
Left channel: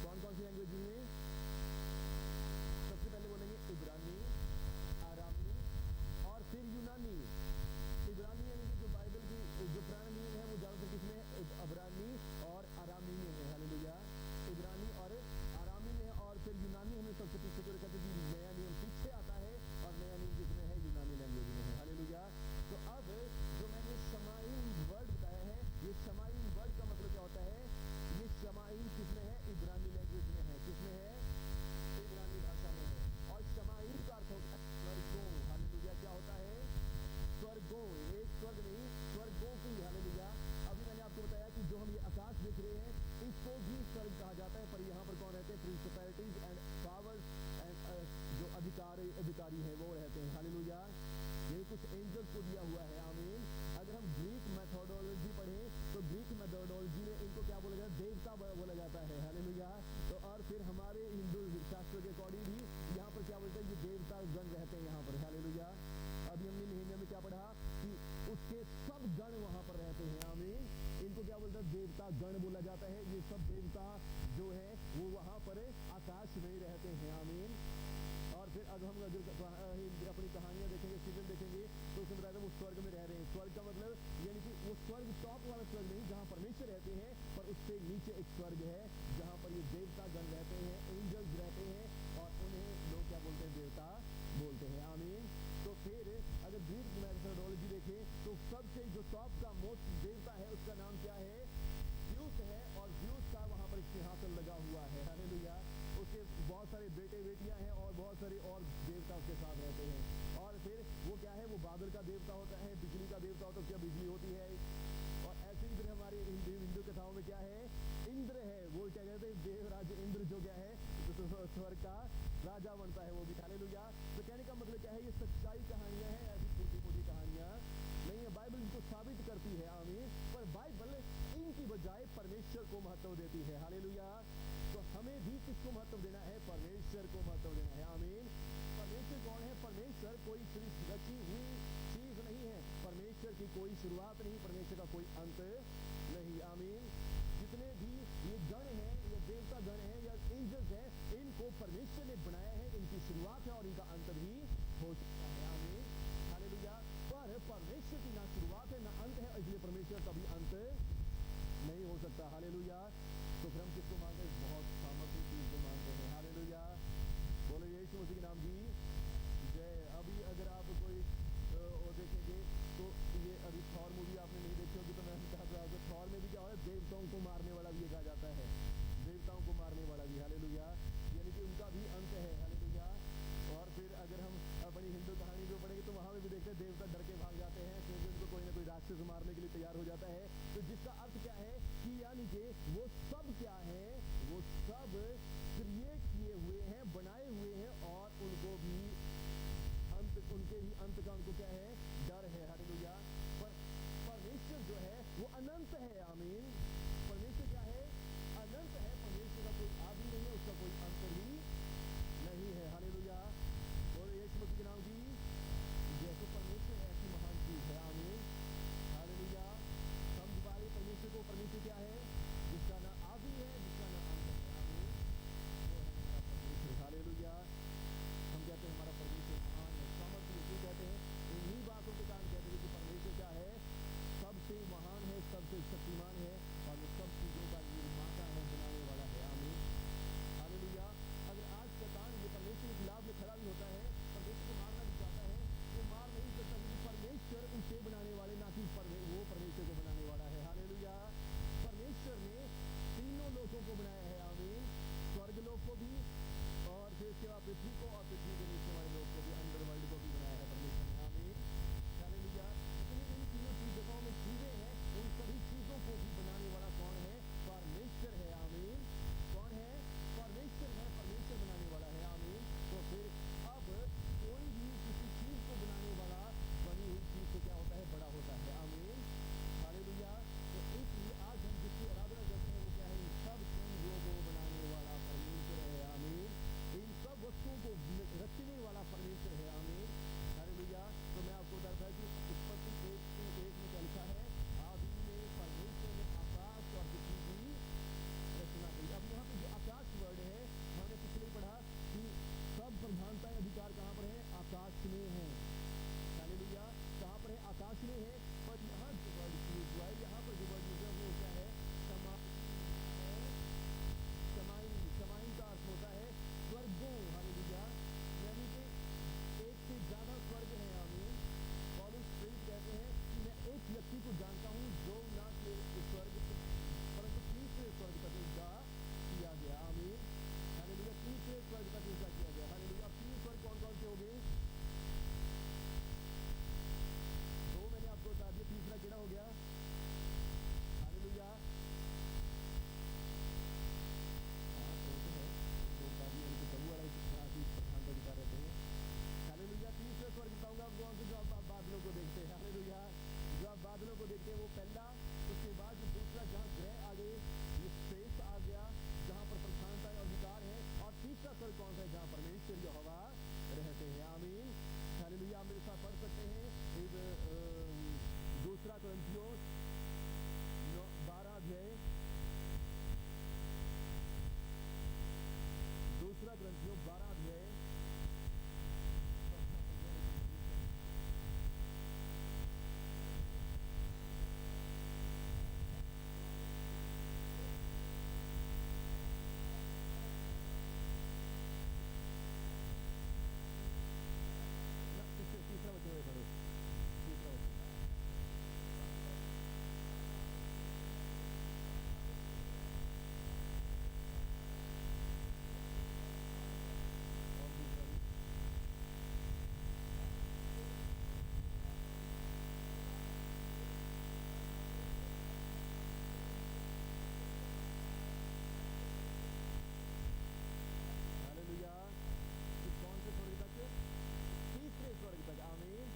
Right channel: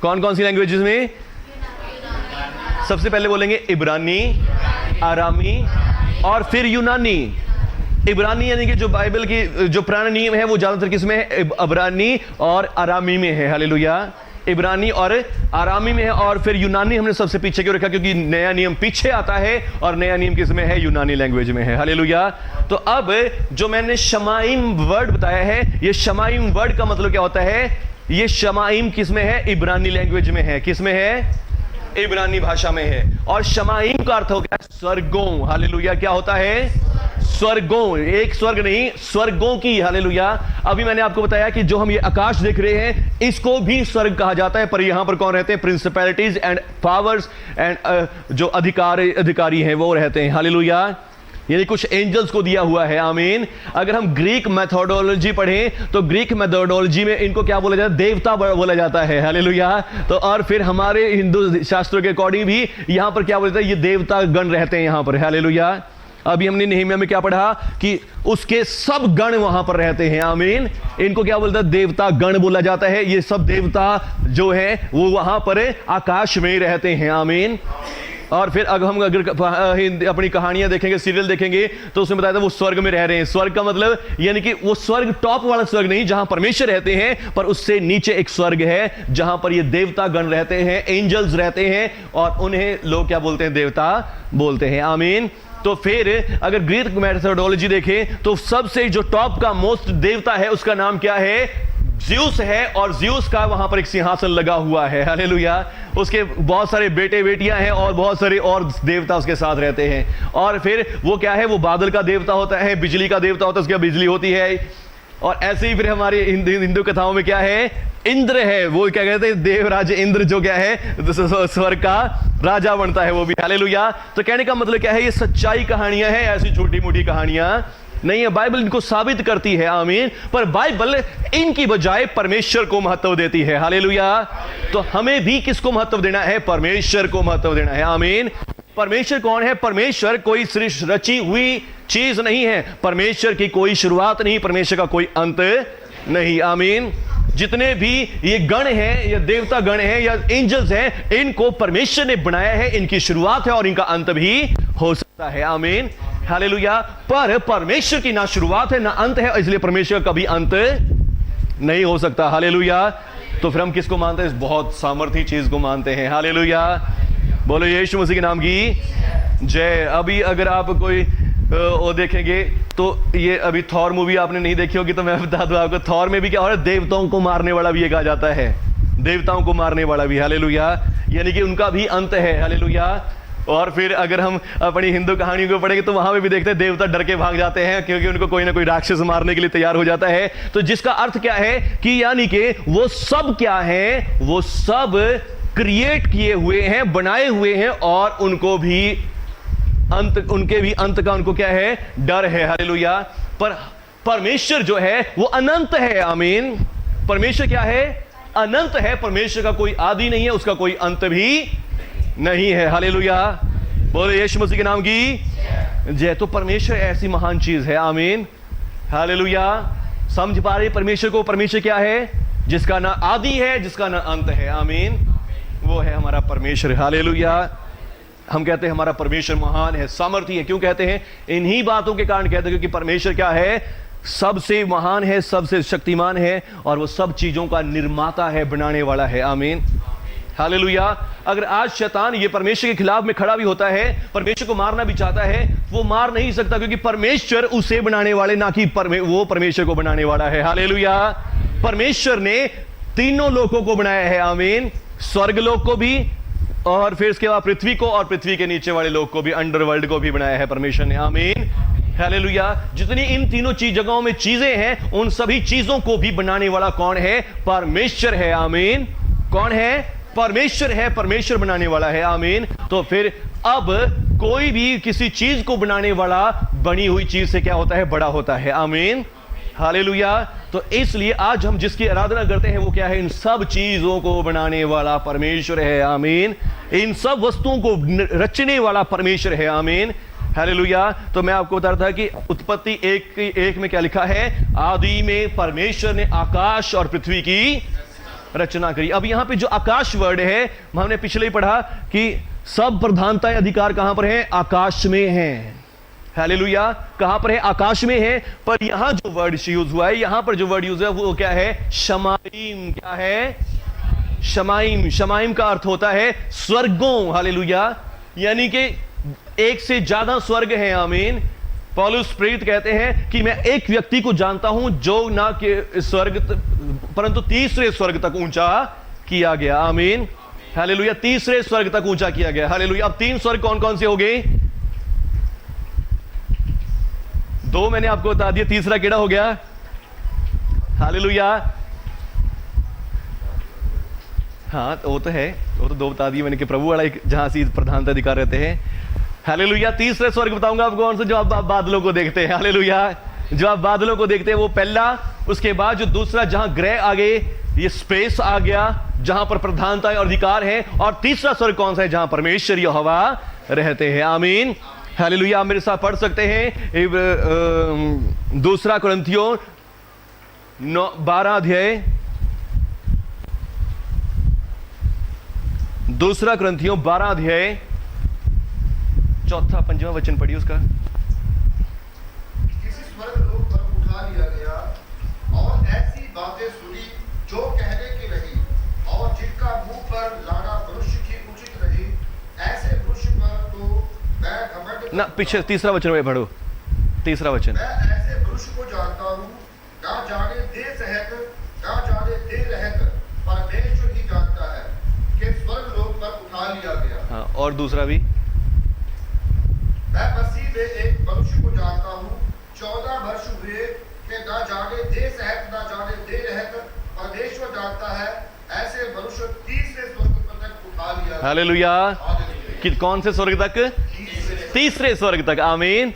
कौन कौन सी लैंग्वेजेस में? सबसे पहले बोलेंगे इब्रानी, आरामी और फिर यूनानी। इब्रानी यानी कि जो बाइबल की जो पुराना नियम है वो ज्यादातर किसमें है? इब्रानी और आरामी में है। हालेलुया। इब्रानी और आरामी में है, और फिर यूनानी हमने सबसे पीछे क्यों रखा? क्योंकि नया नियम पीछे आता है और नया नियम किसमें है? यूनानी लैंग्वेज में है। हालेलुया। तो अब जो मैंने शमाइम वर्ड बताया है, ये शमाइम वर्ड का मतलब क्या होता है? ये शमाइम किसमें है? इब्रानी लैंग्वेज में है। किसमें है? इब्रानी भाषा में है। और शमाइम का अर्थ हो गया स्वर्गों। हालेलुया। क्या होता है? स्वर्गों। एक स्वर्ग नहीं, स्वर्गों की। हालेलुया। अभी मैंने आपको बताया कि जो हम ये आकाश देख रहे हैं, इसको भी स्वर्ग कहा जाता है, पर यहां पर कौन रहते हैं? प्रिंसिपैलिटीज एंड पावर्स एंड जो अधिकारी हैं वो रहते हैं। हालेलुया। यानी कुछ एंजल्स को दिया हुआ है। आमीन। अगर हम ग्रीक मेथोडोलॉजी पढ़ें तो ग्रीक मेथोडोलॉजी में इनको क्या बोला जाता है? देवता बोला जाता है। हालेलुया। तो और फिर हमारे हिंदू शास्त्रों के अकॉर्डिंग भी यहां पर क्या बोला जाता है? ये देवता गण रहते हैं यहां पर। हालेलुया। अभी हमने नेहमिया में क्या पढ़ा कि उसके सब गण वहां पर रहते हैं। आमीन। इनको क्या बोलता है? देवता गण बोला जाता है। ये सब देवता जो है वो वहां पर आकाश में रहते हैं। आमीन। और फिर अगर हम अपनी कहानियां देखेंगे, सीरियल देखेंगे, तो उसमें बताया था वो स्वर्ग में रह रहे हैं। स्वर्ग का मतलब यानी कि वो स्वर्ग टॉप वाला स्वर्ग नहीं जहां परमेश्वर रहते हैं, पर उससे नीचे एक स्वर्ग है जहां पर ये देवता गण रहते हैं, एंजल्स रहते हैं, और उन्हें लोग क्या बोलते हैं? देवता बोलते हैं। आमीन। तो फिर अगर ग्रीक मेथोडोलॉजी देखें तो सबसे जो टॉप का मोस्ट देवता है उसका नाम क्या है? ज़्यूस है, और ज़्यूस का वहां पर एक सिंहासन लगा हुआ है। हालेलुया। उसके बहुत सारे बेटे बेटियां हैं और बहुत सारे और देवता उसके साथ रहते हैं। और फिर वो क्या है? वो बादल का देवता होता है, बिजली का देवता होता है, उसके बिजली होती है। और ऐसे ही फिर हमारे हिंदू कथाओं में क्या है? इंद्र है। वो क्या कहते हैं? देवराज इंद्र जो क्या है? स्वर्ग का राजा बनता है वो भी। हालेलुया। तो कहने का मतलब क्या है? ये सच्चाई कहानियां हैं, ऐसी छोटी मोटी कहानियां नहीं है। बाइबल इनको साबित करती है, आमीन, पर बाइबल इनकी बजाय परमेश्वर को महत्व देती है। हालेलुया। तो हमें भी किसको महत्व देना है? परमेश्वर को महत्व देना है। आमीन। परमेश्वर कौन है? परमेश्वर कोई सिर्फ रची हुई चीज नहीं है, परमेश्वर की कोई शुरुआत नहीं, परमेश्वर का कोई अंत नहीं। आमीन। जितने भी ये गण हैं या देवता गण हैं या एंजल्स हैं, इनको परमेश्वर ने बनाया है, इनकी शुरुआत है और इनका अंत भी हो सकता है। आमीन। हालेलुया। पर परमेश्वर की ना शुरुआत है ना अंत है, इसलिए परमेश्वर का कभी अंत नहीं हो सकता। हालेलुया। तो फिर हम किसको मानते हैं? इस बहुत सामर्थी चीज को मानते हैं। हालेलुया। बोलो यीशु मसीह के नाम की जय। अभी अगर आप कोई वो देखेंगे तो ये अभी थॉर मूवी आपने नहीं देखी होगी, तो मैं बता दूं आपको, थॉर में भी क्या हो रहा है? देवताओं को मारने वाला भी ये कहा जाता है, देवताओं को मारने वाला भी। हालेलुया। यानी कि उनका भी अंत है। हालेलुया। और फिर अगर हम अपनी हिंदू कहानियों को पढ़ेंगे तो वहां पे भी देखते हैं देवता डर के भाग जाते हैं, क्योंकि उनको कोई ना कोई राक्षस मारने के लिए तैयार हो जाता है। तो जिसका अर्थ क्या है कि यानी कि वो सब क्या है? वो सब क्रिएट किए हुए हैं, बनाए हुए हैं, और उनको भी अंत, उनके भी अंत का उनको क्या है? डर है। हालेलुया। पर परमेश्वर जो है वो अनंत है। आमीन। परमेश्वर क्या है? अनंत है। परमेश्वर का कोई आदि नहीं है, उसका कोई अंत भी नहीं है। हालेलुया। बोले यीशु मसीह के नाम की जय। तो परमेश्वर ऐसी महान चीज है। आमीन। हालेलुया। समझ पा रहे परमेश्वर को? परमेश्वर क्या है? जिसका ना आदि है, जिसका ना अंत है। आमीन। वो है हमारा परमेश्वर। हालेलुया। हम कहते हैं हमारा परमेश्वर महान है, सामर्थी है। क्यों कहते हैं? इन्हीं बातों के कारण कहते हैं, क्योंकि परमेश्वर क्या है? सबसे महान है, सबसे शक्तिमान है, और वो सब चीजों का निर्माता है, बनाने वाला है। आमीन। हालेलुया। अगर आज शैतान ये परमेश्वर के खिलाफ में खड़ा भी होता है, परमेश्वर को मारना भी चाहता है, वो मार नहीं सकता, क्योंकि परमेश्वर उसे बनाने वाले, ना कि वो परमेश्वर को बनाने वाला है। हालेलुया। परमेश्वर ने तीनों लोकों को बनाया है। आमीन। स्वर्ग लोक को भी, और फिर इसके बाद पृथ्वी को, और पृथ्वी के नीचे वाले लोग को भी, अंडरवर्ल्ड को भी बनाया है परमेश्वर ने। आमीन। हालेलुया। जितनी इन तीनों जगहों में चीजें हैं, उन सभी चीजों को भी बनाने वाला कौन है? परमेश्वर है। आमीन। कौन है? परमेश्वर है। परमेश्वर बनाने वाला है। आमीन। तो फिर अब कोई भी किसी चीज को बनाने वाला बनी हुई चीज से क्या होता है? बड़ा होता है। आमीन। हालेलुया। तो इसलिए आज हम जिसकी आराधना करते हैं वो क्या है? इन सब चीजों को बनाने वाला परमेश्वर है। आमीन। इन सब वस्तुओं को रचने वाला परमेश्वर है। आमीन। हालेलुया। तो मैं आपको बता रहा था कि उत्पत्ति 1:1 में क्या लिखा है? आदि में परमेश्वर ने आकाश और पृथ्वी की रचना करी। अब यहां पे जो आकाश वर्ड है, हमने पिछले ही पढ़ा कि सब प्रधानता अधिकार कहां पर है? आकाश में है। हालेलुया। कहां पर है? आकाश में है। पर यहां जो वर्ड यूज हुआ है, यहां पर जो वर्ड यूज हुआ है वो क्या है? शमाइम। क्या है? शमाइम। शमाइम का अर्थ होता है स्वर्गों। हालेलुया। यानी कि एक से ज्यादा स्वर्ग है। आमीन। पौलुस प्रेरित कहते हैं कि मैं एक व्यक्ति को जानता हूं जो ना कि स्वर्ग परंतु तीसरे स्वर्ग तक ऊंचा किया गया। आमीन। हालेलुया। तीसरे स्वर्ग तक ऊंचा किया गया। हालेलुया। अब 3 स्वर्ग कौन कौन से हो गए? 2 मैंने आपको बता दिया, तीसरा केड़ा हो गया? हालेलुया। हाँ वो तो है, वो तो 2 बता दिए मैंने कि प्रभु वाला एक जहां से प्रधानता अधिकार रहते हैं। हालेलुया। तीसरे स्वर्ग बताऊंगा आपको कौन सा? जो आप बादलों को देखते हैं। हालेलुया। जो आप बादलों को देखते हैं वो पहला, उसके बाद जो दूसरा जहां ग्रह आ गए, ये स्पेस आ गया जहां पर प्रधानता और अधिकार है, और तीसरा स्वर्ग कौन सा है? जहां परमेश्वर यहोवा रहते हैं। आमीन। हालेलुया। आप मेरे साथ पढ़ सकते हैं 2 कुरिन्थियों 12 अध्याय, 2 कुरिन्थियों 12 अध्याय 4-5वां वचन पढ़िए उसका। किसी स्वर्ग लोक पर उठा लिया गया और ऐसी बातें सुनी जो कहने की रही, और जिनका मुंह पर लाना मनुष्य की उचित रही, ऐसे मनुष्य पर तो मैं घमंड ना, पीछे तीसरा वचन में पढ़ो। तीसरा वचन। मैं ऐसे मनुष्य को जानता हूँ, ना जाने दे सहत, ना जाने दे रहत, परमेश्वर ही जानता है कि स्वर्ग लोक पर उठा लिया गया। हाँ, और दूसरा भी। मैं मसीह में एक मनुष्य को जानता हूँ, 14 वर्ष हुए कि ना जाने दे सहत, ना जाने दे रहत, परमेश्वर जानता है, ऐसे मनुष्य तीसरे स्वर्ग तक उठा लिया गया। हालेलुया। हालेलुया। कि कौन से स्वर्ग तक? तीसरे स्वर्ग तक। आमीन।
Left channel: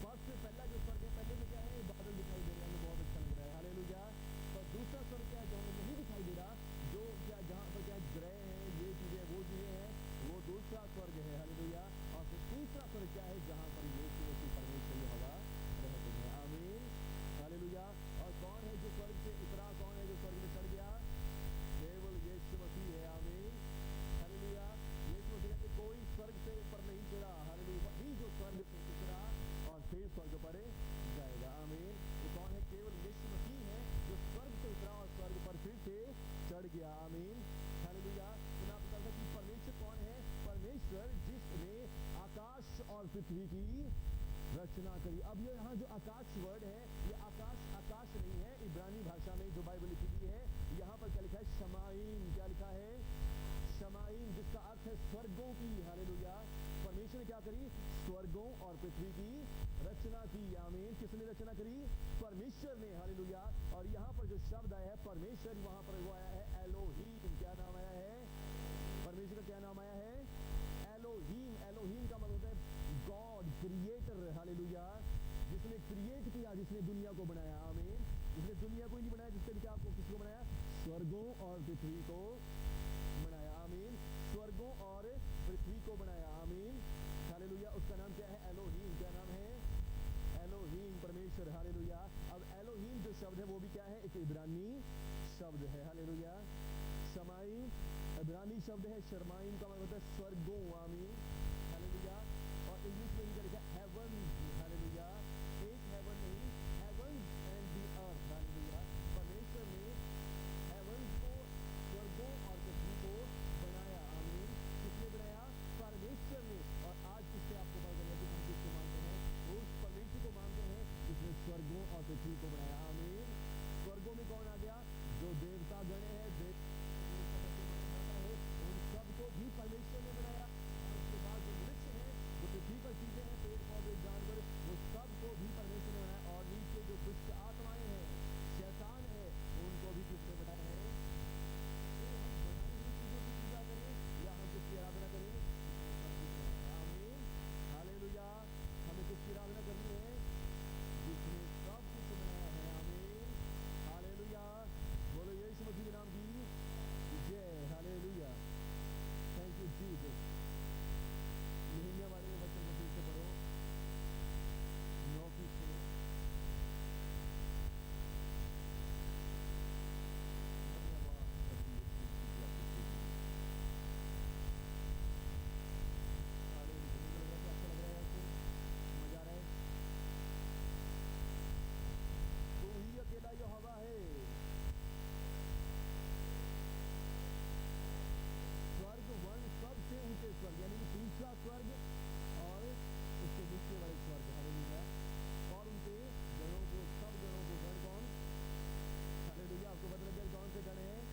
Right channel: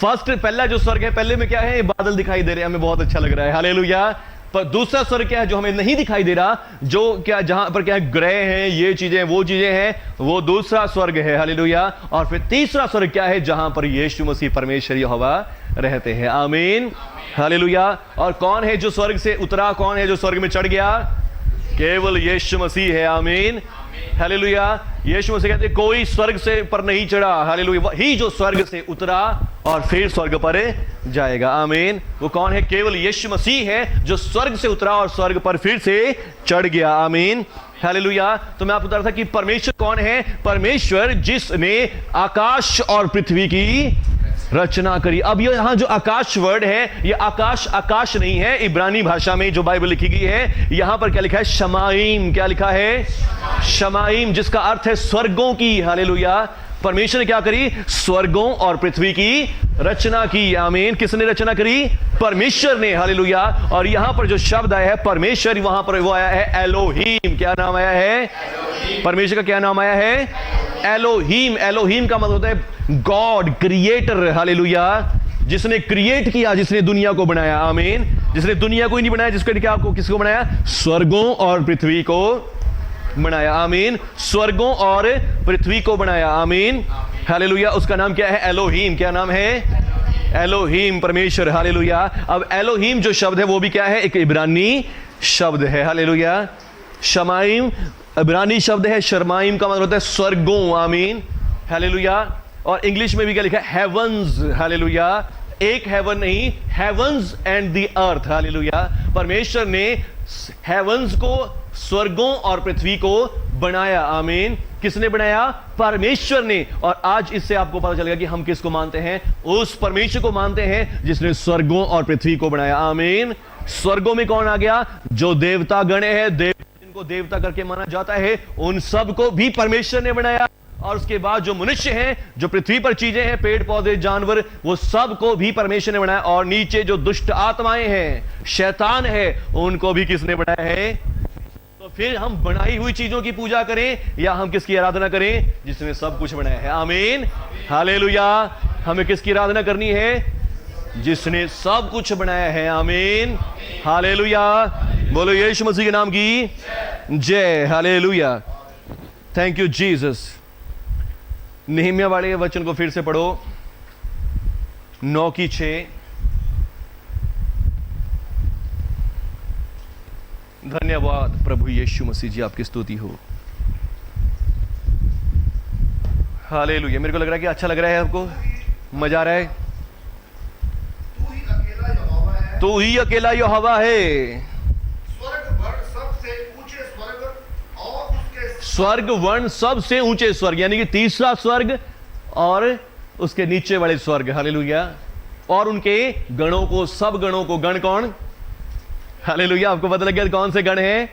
फर्स्ट पहला जो स्वर्ग है, पहले में क्या है, बादल दिखाई दे रहे हैं, हमें बहुत अच्छा लग रहा है, हालेलुया। पर दूसरा स्वर्ग क्या है जो हमें नहीं दिखाई दे रहा, जो क्या जहां पर क्या है, ग्रह हैं, ये चीजें वो चीजें हैं, वो दूसरा स्वर्ग है, हालेलुया। और फिर तीसरा स्वर्ग क्या है, जहां पर यीशु मसीह परमेश्वर यहोवा रहते हैं, आमीन, हालेलुया। और कौन है जो स्वर्ग से उतरा, कौन है जो स्वर्ग में चढ़ गया, केवल यीशु मसीह है, आमीन, हालेलुया। यीशु मसीह कहते कोई स्वर्ग से पर नहीं चढ़ा, हालेलुया, वही जो स्वर्ग से उतरा और फिर स्वर्ग पर जाएगा, आमीन। वो कौन है, केवल यीशु मसीह है जो स्वर्ग से उतरा और स्वर्ग पर फिर से चढ़ गया, आमीन, हालेलुया। तो मैं आपको बता रहा था कि परमेश्वर कौन है, परमेश्वर जिसने आकाश और पृथ्वी की रचना करी। अब ये यहां जो आकाश वर्ड है, ये आकाश आकाश नहीं है, इब्रानी भाषा में जो बाइबल लिखी गई है, यहां पर क्या लिखा है, शमाइम, क्या लिखा है, शमाइम, जिसका अर्थ है स्वर्गों की, हालेलुया। परमेश्वर ने क्या करी, स्वर्गों और पृथ्वी की रचना की, आमीन। किसने रचना करी, परमेश्वर ने, हालेलुया। और यहां पर जो शब्द आया है परमेश्वर, वहां पर वो आया है एलोहीम। क्या नाम आया है, परमेश्वर का क्या नाम आया है, एलोहीम। एलोहीम का मतलब होता है गॉड, क्रिएटर, हालेलुया, जिसने क्रिएट किया, जिसने दुनिया को बनाया, आमीन। जिसने दुनिया को ही नहीं बनाया, जिसको क्या, आपको किसको बनाया, स्वर्गों और पृथ्वी को बनाया, आमीन, स्वर्गों और पृथ्वी को बनाया, आमीन, हालेलुया। उसका नाम क्या है, एलोहीम। क्या नाम है, एलोहीम, परमेश्वर, हालेलुया। अब एलोहीम जो शब्द है वो भी क्या है, एक इब्रानी शब्द है, हालेलुया। शमाइम इब्रानी शब्द है, शर्माइम का मतलब होता है स्वर्गों, आमीन, हालेलुया। और इंग्लिश में भी क्या लिखा है, हेवंस, हालेलुया। एक हेवन नहीं, heavens and the earth, hallelujah. परमेश्वर ने हेवंस को, स्वर्गों और पृथ्वी को बनाया, आमीन। किसने बनाया, परमेश्वर ने। और आज इससे आपको पता चलेगा कि हम किसको मानते हैं, उस परमेश्वर को मानते हैं जिसने स्वर्गों और पृथ्वी को बनाया, आमीन। स्वर्गों में कौन आ गया, जो देवता गण है, जिनको देवता करके माना जाता है, उन सब को भी परमेश्वर ने बनाया। और उसके बाद जो मनुष्य हैं, जो पृथ्वी पर चीजें हैं, पेड़ पौधे जानवर, वो सब को भी परमेश्वर ने बनाया। और नीचे जो दुष्ट आत्माएं हैं, शैतान है, उनको भी किसने बनाया है। तो फिर हम बनाई हुई चीजों की पूजा करें या हम किसकी आराधना करें, जिसने सब कुछ बनाया है, आमीन, हालेलुया। हमें किसकी आराधना करनी है, जिसने सब कुछ बनाया है, आमीन, हालेलुया। बोलो यीशु मसीह के नाम की जय, hallelujah, thank you Jesus. Nehemiah वाले वचन को फिर से पढ़ो, 9:6। धन्यवाद प्रभु यीशु मसीह जी, आपकी स्तुति हो, हालेलुया। मेरे को लग रहा है कि अच्छा लग रहा है, आपको मजा आ रहा है। तू ही अकेला यहोवा है, तू ही अकेला यहोवा है, स्वर्ग वर्ण सबसे ऊंचे स्वर्ग और उसके स्वर्ग वर्ण सबसे ऊंचे स्वर्ग, यानी कि तीसरा स्वर्ग और उसके नीचे वाले स्वर्ग, हालेलुया। और उनके गणों को, सब गणों को, गण कौन, हालेलुया। आपको पता लग गया कौन से गण हैं,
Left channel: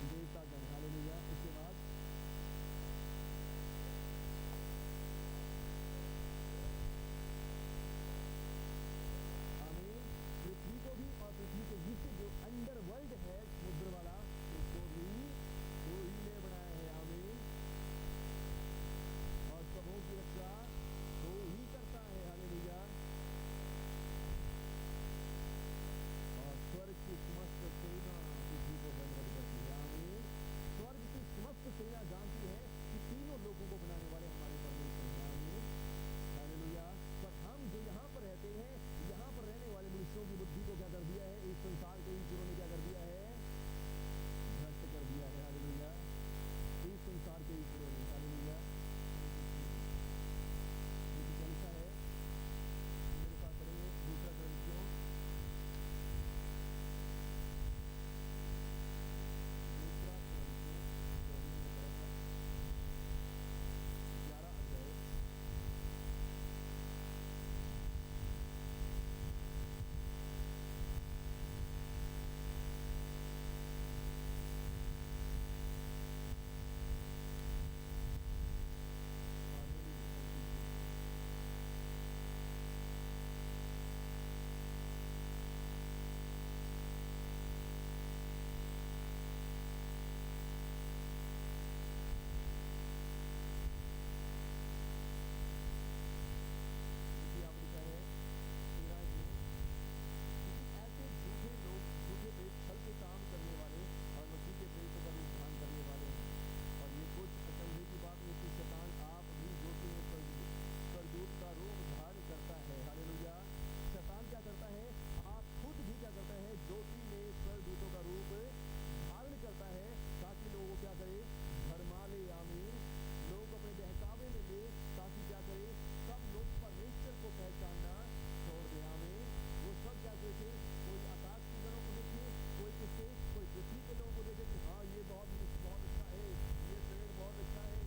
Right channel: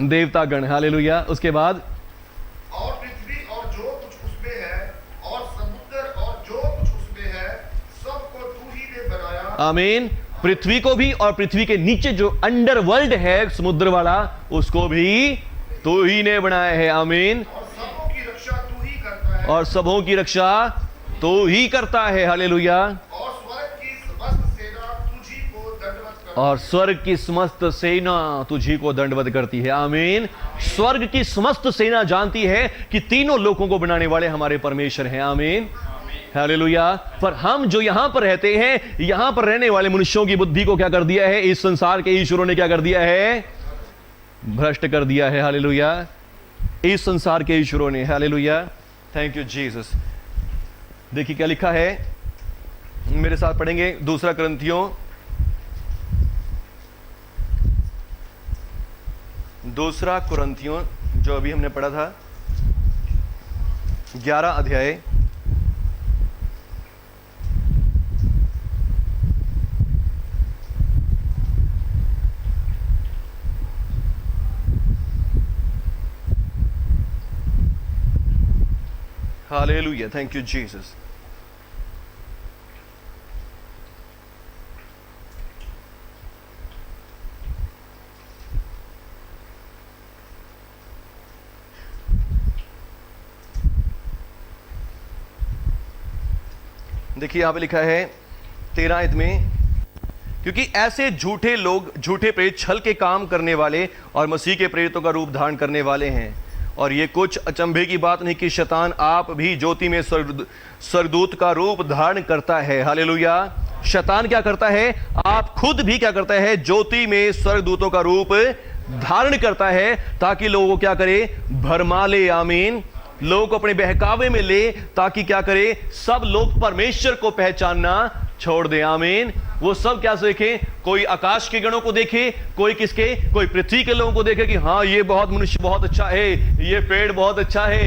देवता गण, हालेलुया। उसके बाद और पृथ्वी और जो कुछ उसमें है और समुद्र और जो कुछ उसमें है, सबको तू ही ने बनाया, आमीन। पृथ्वी को भी और पृथ्वी के नीचे जो अंडर वर्ल्ड है, समुद्र वाला, उसको भी तू ही ने बनाया है, आमीन। और सबों की रक्षा तू ही करता है, और सबों की रक्षा तू ही करता है, हालेलुया। और स्वर्ग की समस्त सेना तुझी को दंडवत करती और स्वर्ग की समस्त सेना तुझी को दंडवत करती है, आमीन। स्वर्ग की समस्त सेना जानती है कि तीनों लोगों को बनाने वाले हमारे परमेश्वर हैं, आमीन, हालेलुया। पर हम जो यहां पर रहते हैं, यहां पर रहने वाले मनुष्यों की बुद्धि को क्या कर दिया है, इस संसार के ईश्वरों ने क्या कर दिया है, भ्रष्ट कर दिया है, हालेलुया। इस संसार के ईश्वरों ने, हालेलुया, थैंक यू जीसस। देखिए क्या लिखा है, मेरे साथ पढ़ेंगे, 2 कुरिन्थियों 2 कुरिन्थियों जो अभी हमने पढ़ा था, 11 अध्याय, हालेलुया, थैंक यू जीसस। देखिए यहाँ पे लिखा है 13 आयत में, क्योंकि ऐसे झूठे लोग, झूठे प्रेरित छल के काम करने वाले और मसीह के प्रेरितों का रूप धारण करने वाले हैं। और ये कुछ अचंभे की बात नहीं कि शैतान आप भी ज्योति में स्वर्गदूत का रूप धारण करता है। हालेलुया। शैतान क्या करता है? आप खुद भी क्या करता है? ज्योति में स्वर्गदूतों का रूप धारण करता है, ताकि लोगों को क्या करे? भरमा ले। आमीन। लोगों को अपने बहकावे में ले, ताकि क्या करे? सब लोग परमेश्वर को पहचानना छोड़ दे। आमीन। वो सब क्या देखें? कोई आकाश के गणों को देखे, कोई किसके? कोई पृथ्वी के लोगों को देखे कि हाँ ये बहुत मनुष्य बहुत अच्छा है, ये पेड़ बहुत अच्छा है,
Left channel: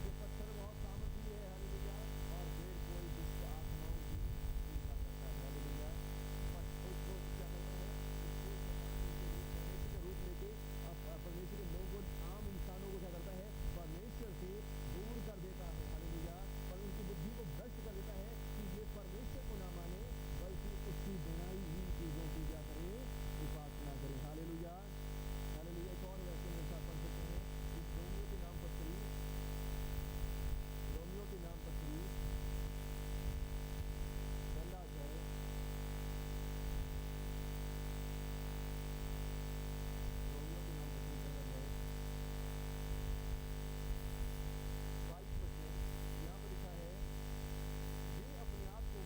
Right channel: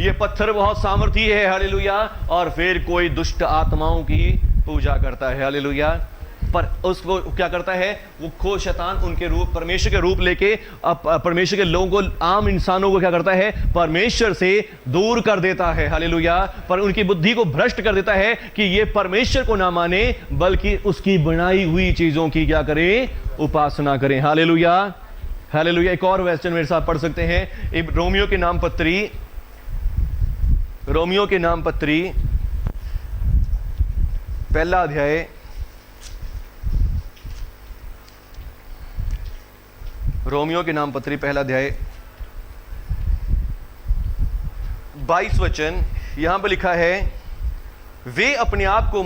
ये पत्थर बहुत सामर्थी है। हालेलुया। और फिर कोई दुष्ट आत्माओं की पूजा करता है। हालेलुया। पर उसको क्या करता है? वो खो शैतान उनके रूप, परमेश्वर के रूप लेके परमेश्वर के लोगों को, आम इंसानों को क्या करता है? परमेश्वर से दूर कर देता है। हालेलुया। पर उनकी बुद्धि को भ्रष्ट कर देता है कि ये परमेश्वर को ना माने, बल्कि उसकी बनाई हुई चीजों की क्या करें? उपासना करें। हालेलुया। हालेलुया। एक और वचन मेरे साथ पढ़ सकते हैं, रोमियो के नाम पत्री, रोमियो के नाम पत्री पहला अध्याय, रोमियो के नाम पत्री पहला अध्याय 22 वचन, यहां पर लिखा है, वे अपने आप को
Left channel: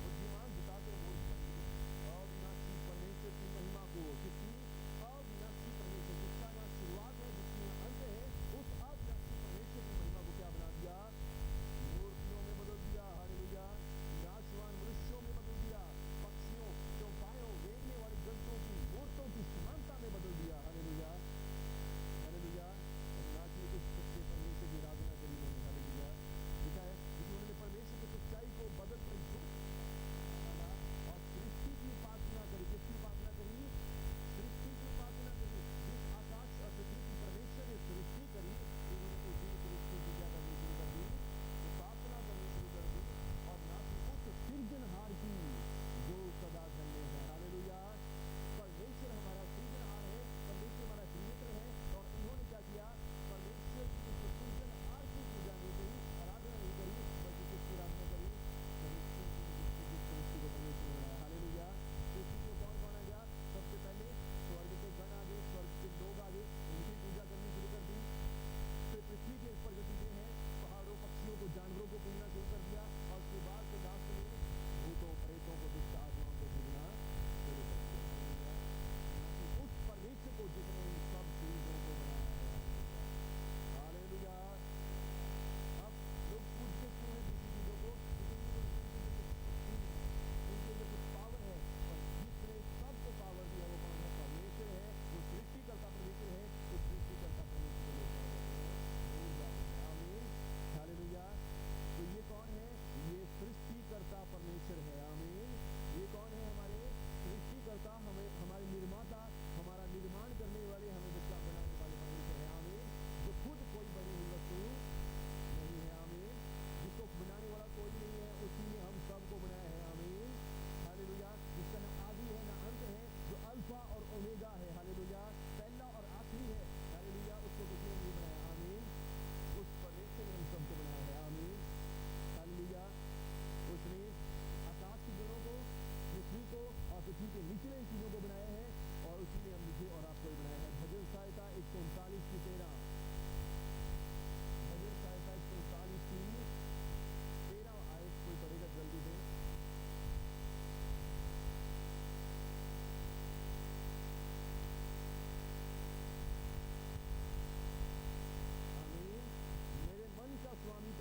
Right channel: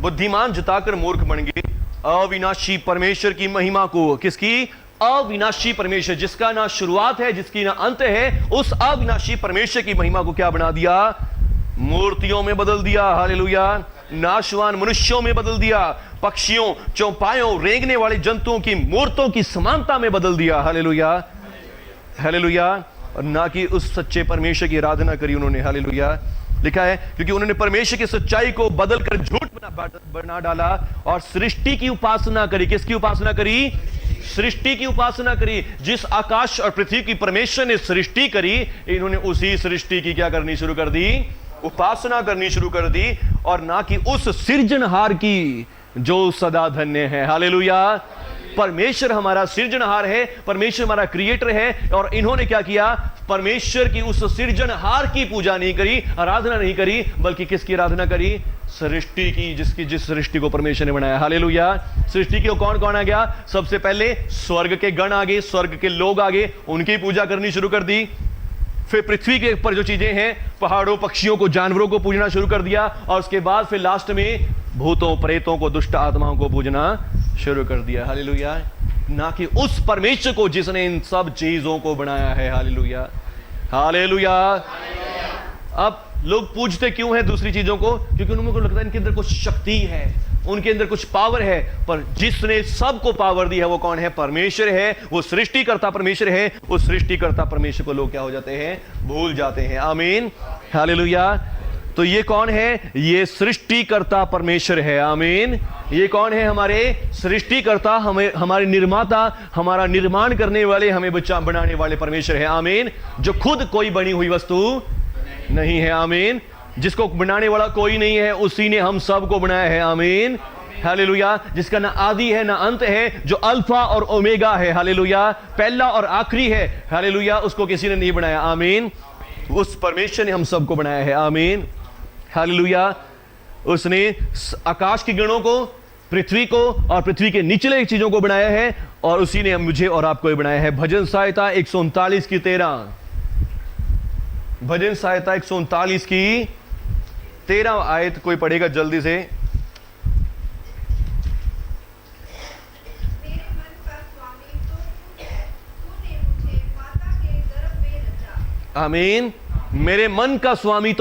बुद्धिमान जताकर मूर्ख बन गए, अविनाशी परमेश्वर की महिमा को, किसकी? अविनाशी परमेश्वर, जिसका ना शुरुआत है, जिसकी ना अंत है, उस अविनाशी परमेश्वर की महिमा को क्या बना दिया? मूर्तियों में बदल दिया। हालेलुया। नाशवान मनुष्यों में बदल दिया, पक्षियों, चौपायों, रेंगने वाले जंतुओं की मूर्तों की समानता में बदल दिया। हालेलुया। हालेलुया। और ना कि उस सच्चे परमेश्वर की आराधना करी उन्होंने। हालेलुया। लिखा है, क्योंकि उन्होंने परमेश्वर की सच्चाई को बदलकर झूठ बना डाला और सृष्टि की उपासना करी। किसकी उपासना करी? सृष्टि की उपासना करी। जिस आकाश और पृथ्वी की परमेश्वर ने सृष्टि करी, इन्होंने उसी सृष्टि की क्या करनी शुरू कर दी? उपासना करनी शुरू कर दी, और ना कि उस सृजनहार की जो सदा धन्य है। हालेलुया। परमेश्वर हमारा सृजनहार है, परमेश्वर हमारा क्रिएटर है, और इन्होंने क्या किया? परमेश्वर की उस सृजनहार की पूजा नहीं करी, आराधना नहीं करी, बल्कि किसकी आराधना करी? सृष्टि की, जिस सृष्टि को परमेश्वर ने बनाया। हालेलुया। सृष्टि की कौन कौन आ गया? सबसे पहले स्वर्ग के गण आ गए, स्वर्ग के लोग आ गए, उनकी पूजा करनी शुरू कर दी। फिर पृथ्वी के ऊपर जो चीजें हैं, पहाड़ों, पक्षियों को, जानवरों को पूजना शुरू कर दिया, और उसके बाद फिर लास्ट में भूतों, प्रेतों को, दुष्ट आत्माओं को पूजना शुरू कर दिया। हालेलुया। ना कि उस परमेश्वर को जिसने इन सब चीजों को बनाया है। हालेलुया। हालेलुया। अब लोग पूजते क्यों हैं दूसरी चीजों को? क्योंकि उनको लगता है इनके अंदर कुछ शक्ति है, उनके अंदर कुछ पावर है। पर जिसने सबको पावर दी है वो कौन है? परमेश्वर है। वो सृष्टिकर्ता परमेश्वर है। उस सृष्टिकर्ता परमेश्वर को लोग क्या हो जाते हैं? भूल जाते हैं। आमीन। हालेलुया। तो ये कौन है? ये सृष्टिकर्ता परमेश्वर है। आमीन। ये कौन है? हमारे सृष्टिकर्ता, हमें, हमारे निर्माता, हमारा निर्माण करने वाले, हमें बनाने वाले परमेश्वर है। आमीन। जो खुद कोई बनी हुई वस्तु नहीं है। आमीन। जिसको बनाने वाला कोई नहीं है, उसी ने हम सब को बनाया है। आमीन। हालेलुया। जिसका ना आदि है ना अंत है, जो अल्फा और ओमेगा है। हालेलुया। पहला और आखिरी है। हालेलुया। उसको किसी ने नहीं बनाया। आमीन। उस परमेश्वर ने हम सबको बनाया है। आमीन। हालेलुया। उसने आकाश के गणों को, पृथ्वी को और पृथ्वी के निचले चीजों को बनाया है, और उसी ने मुझे और आपको बनाया है। भजन सहायता 139 की 13, भजन सहायता 139 की 13 आयत कोई पढ़ेगा जल्दी से? आमीन। मेरे मन का स्वामी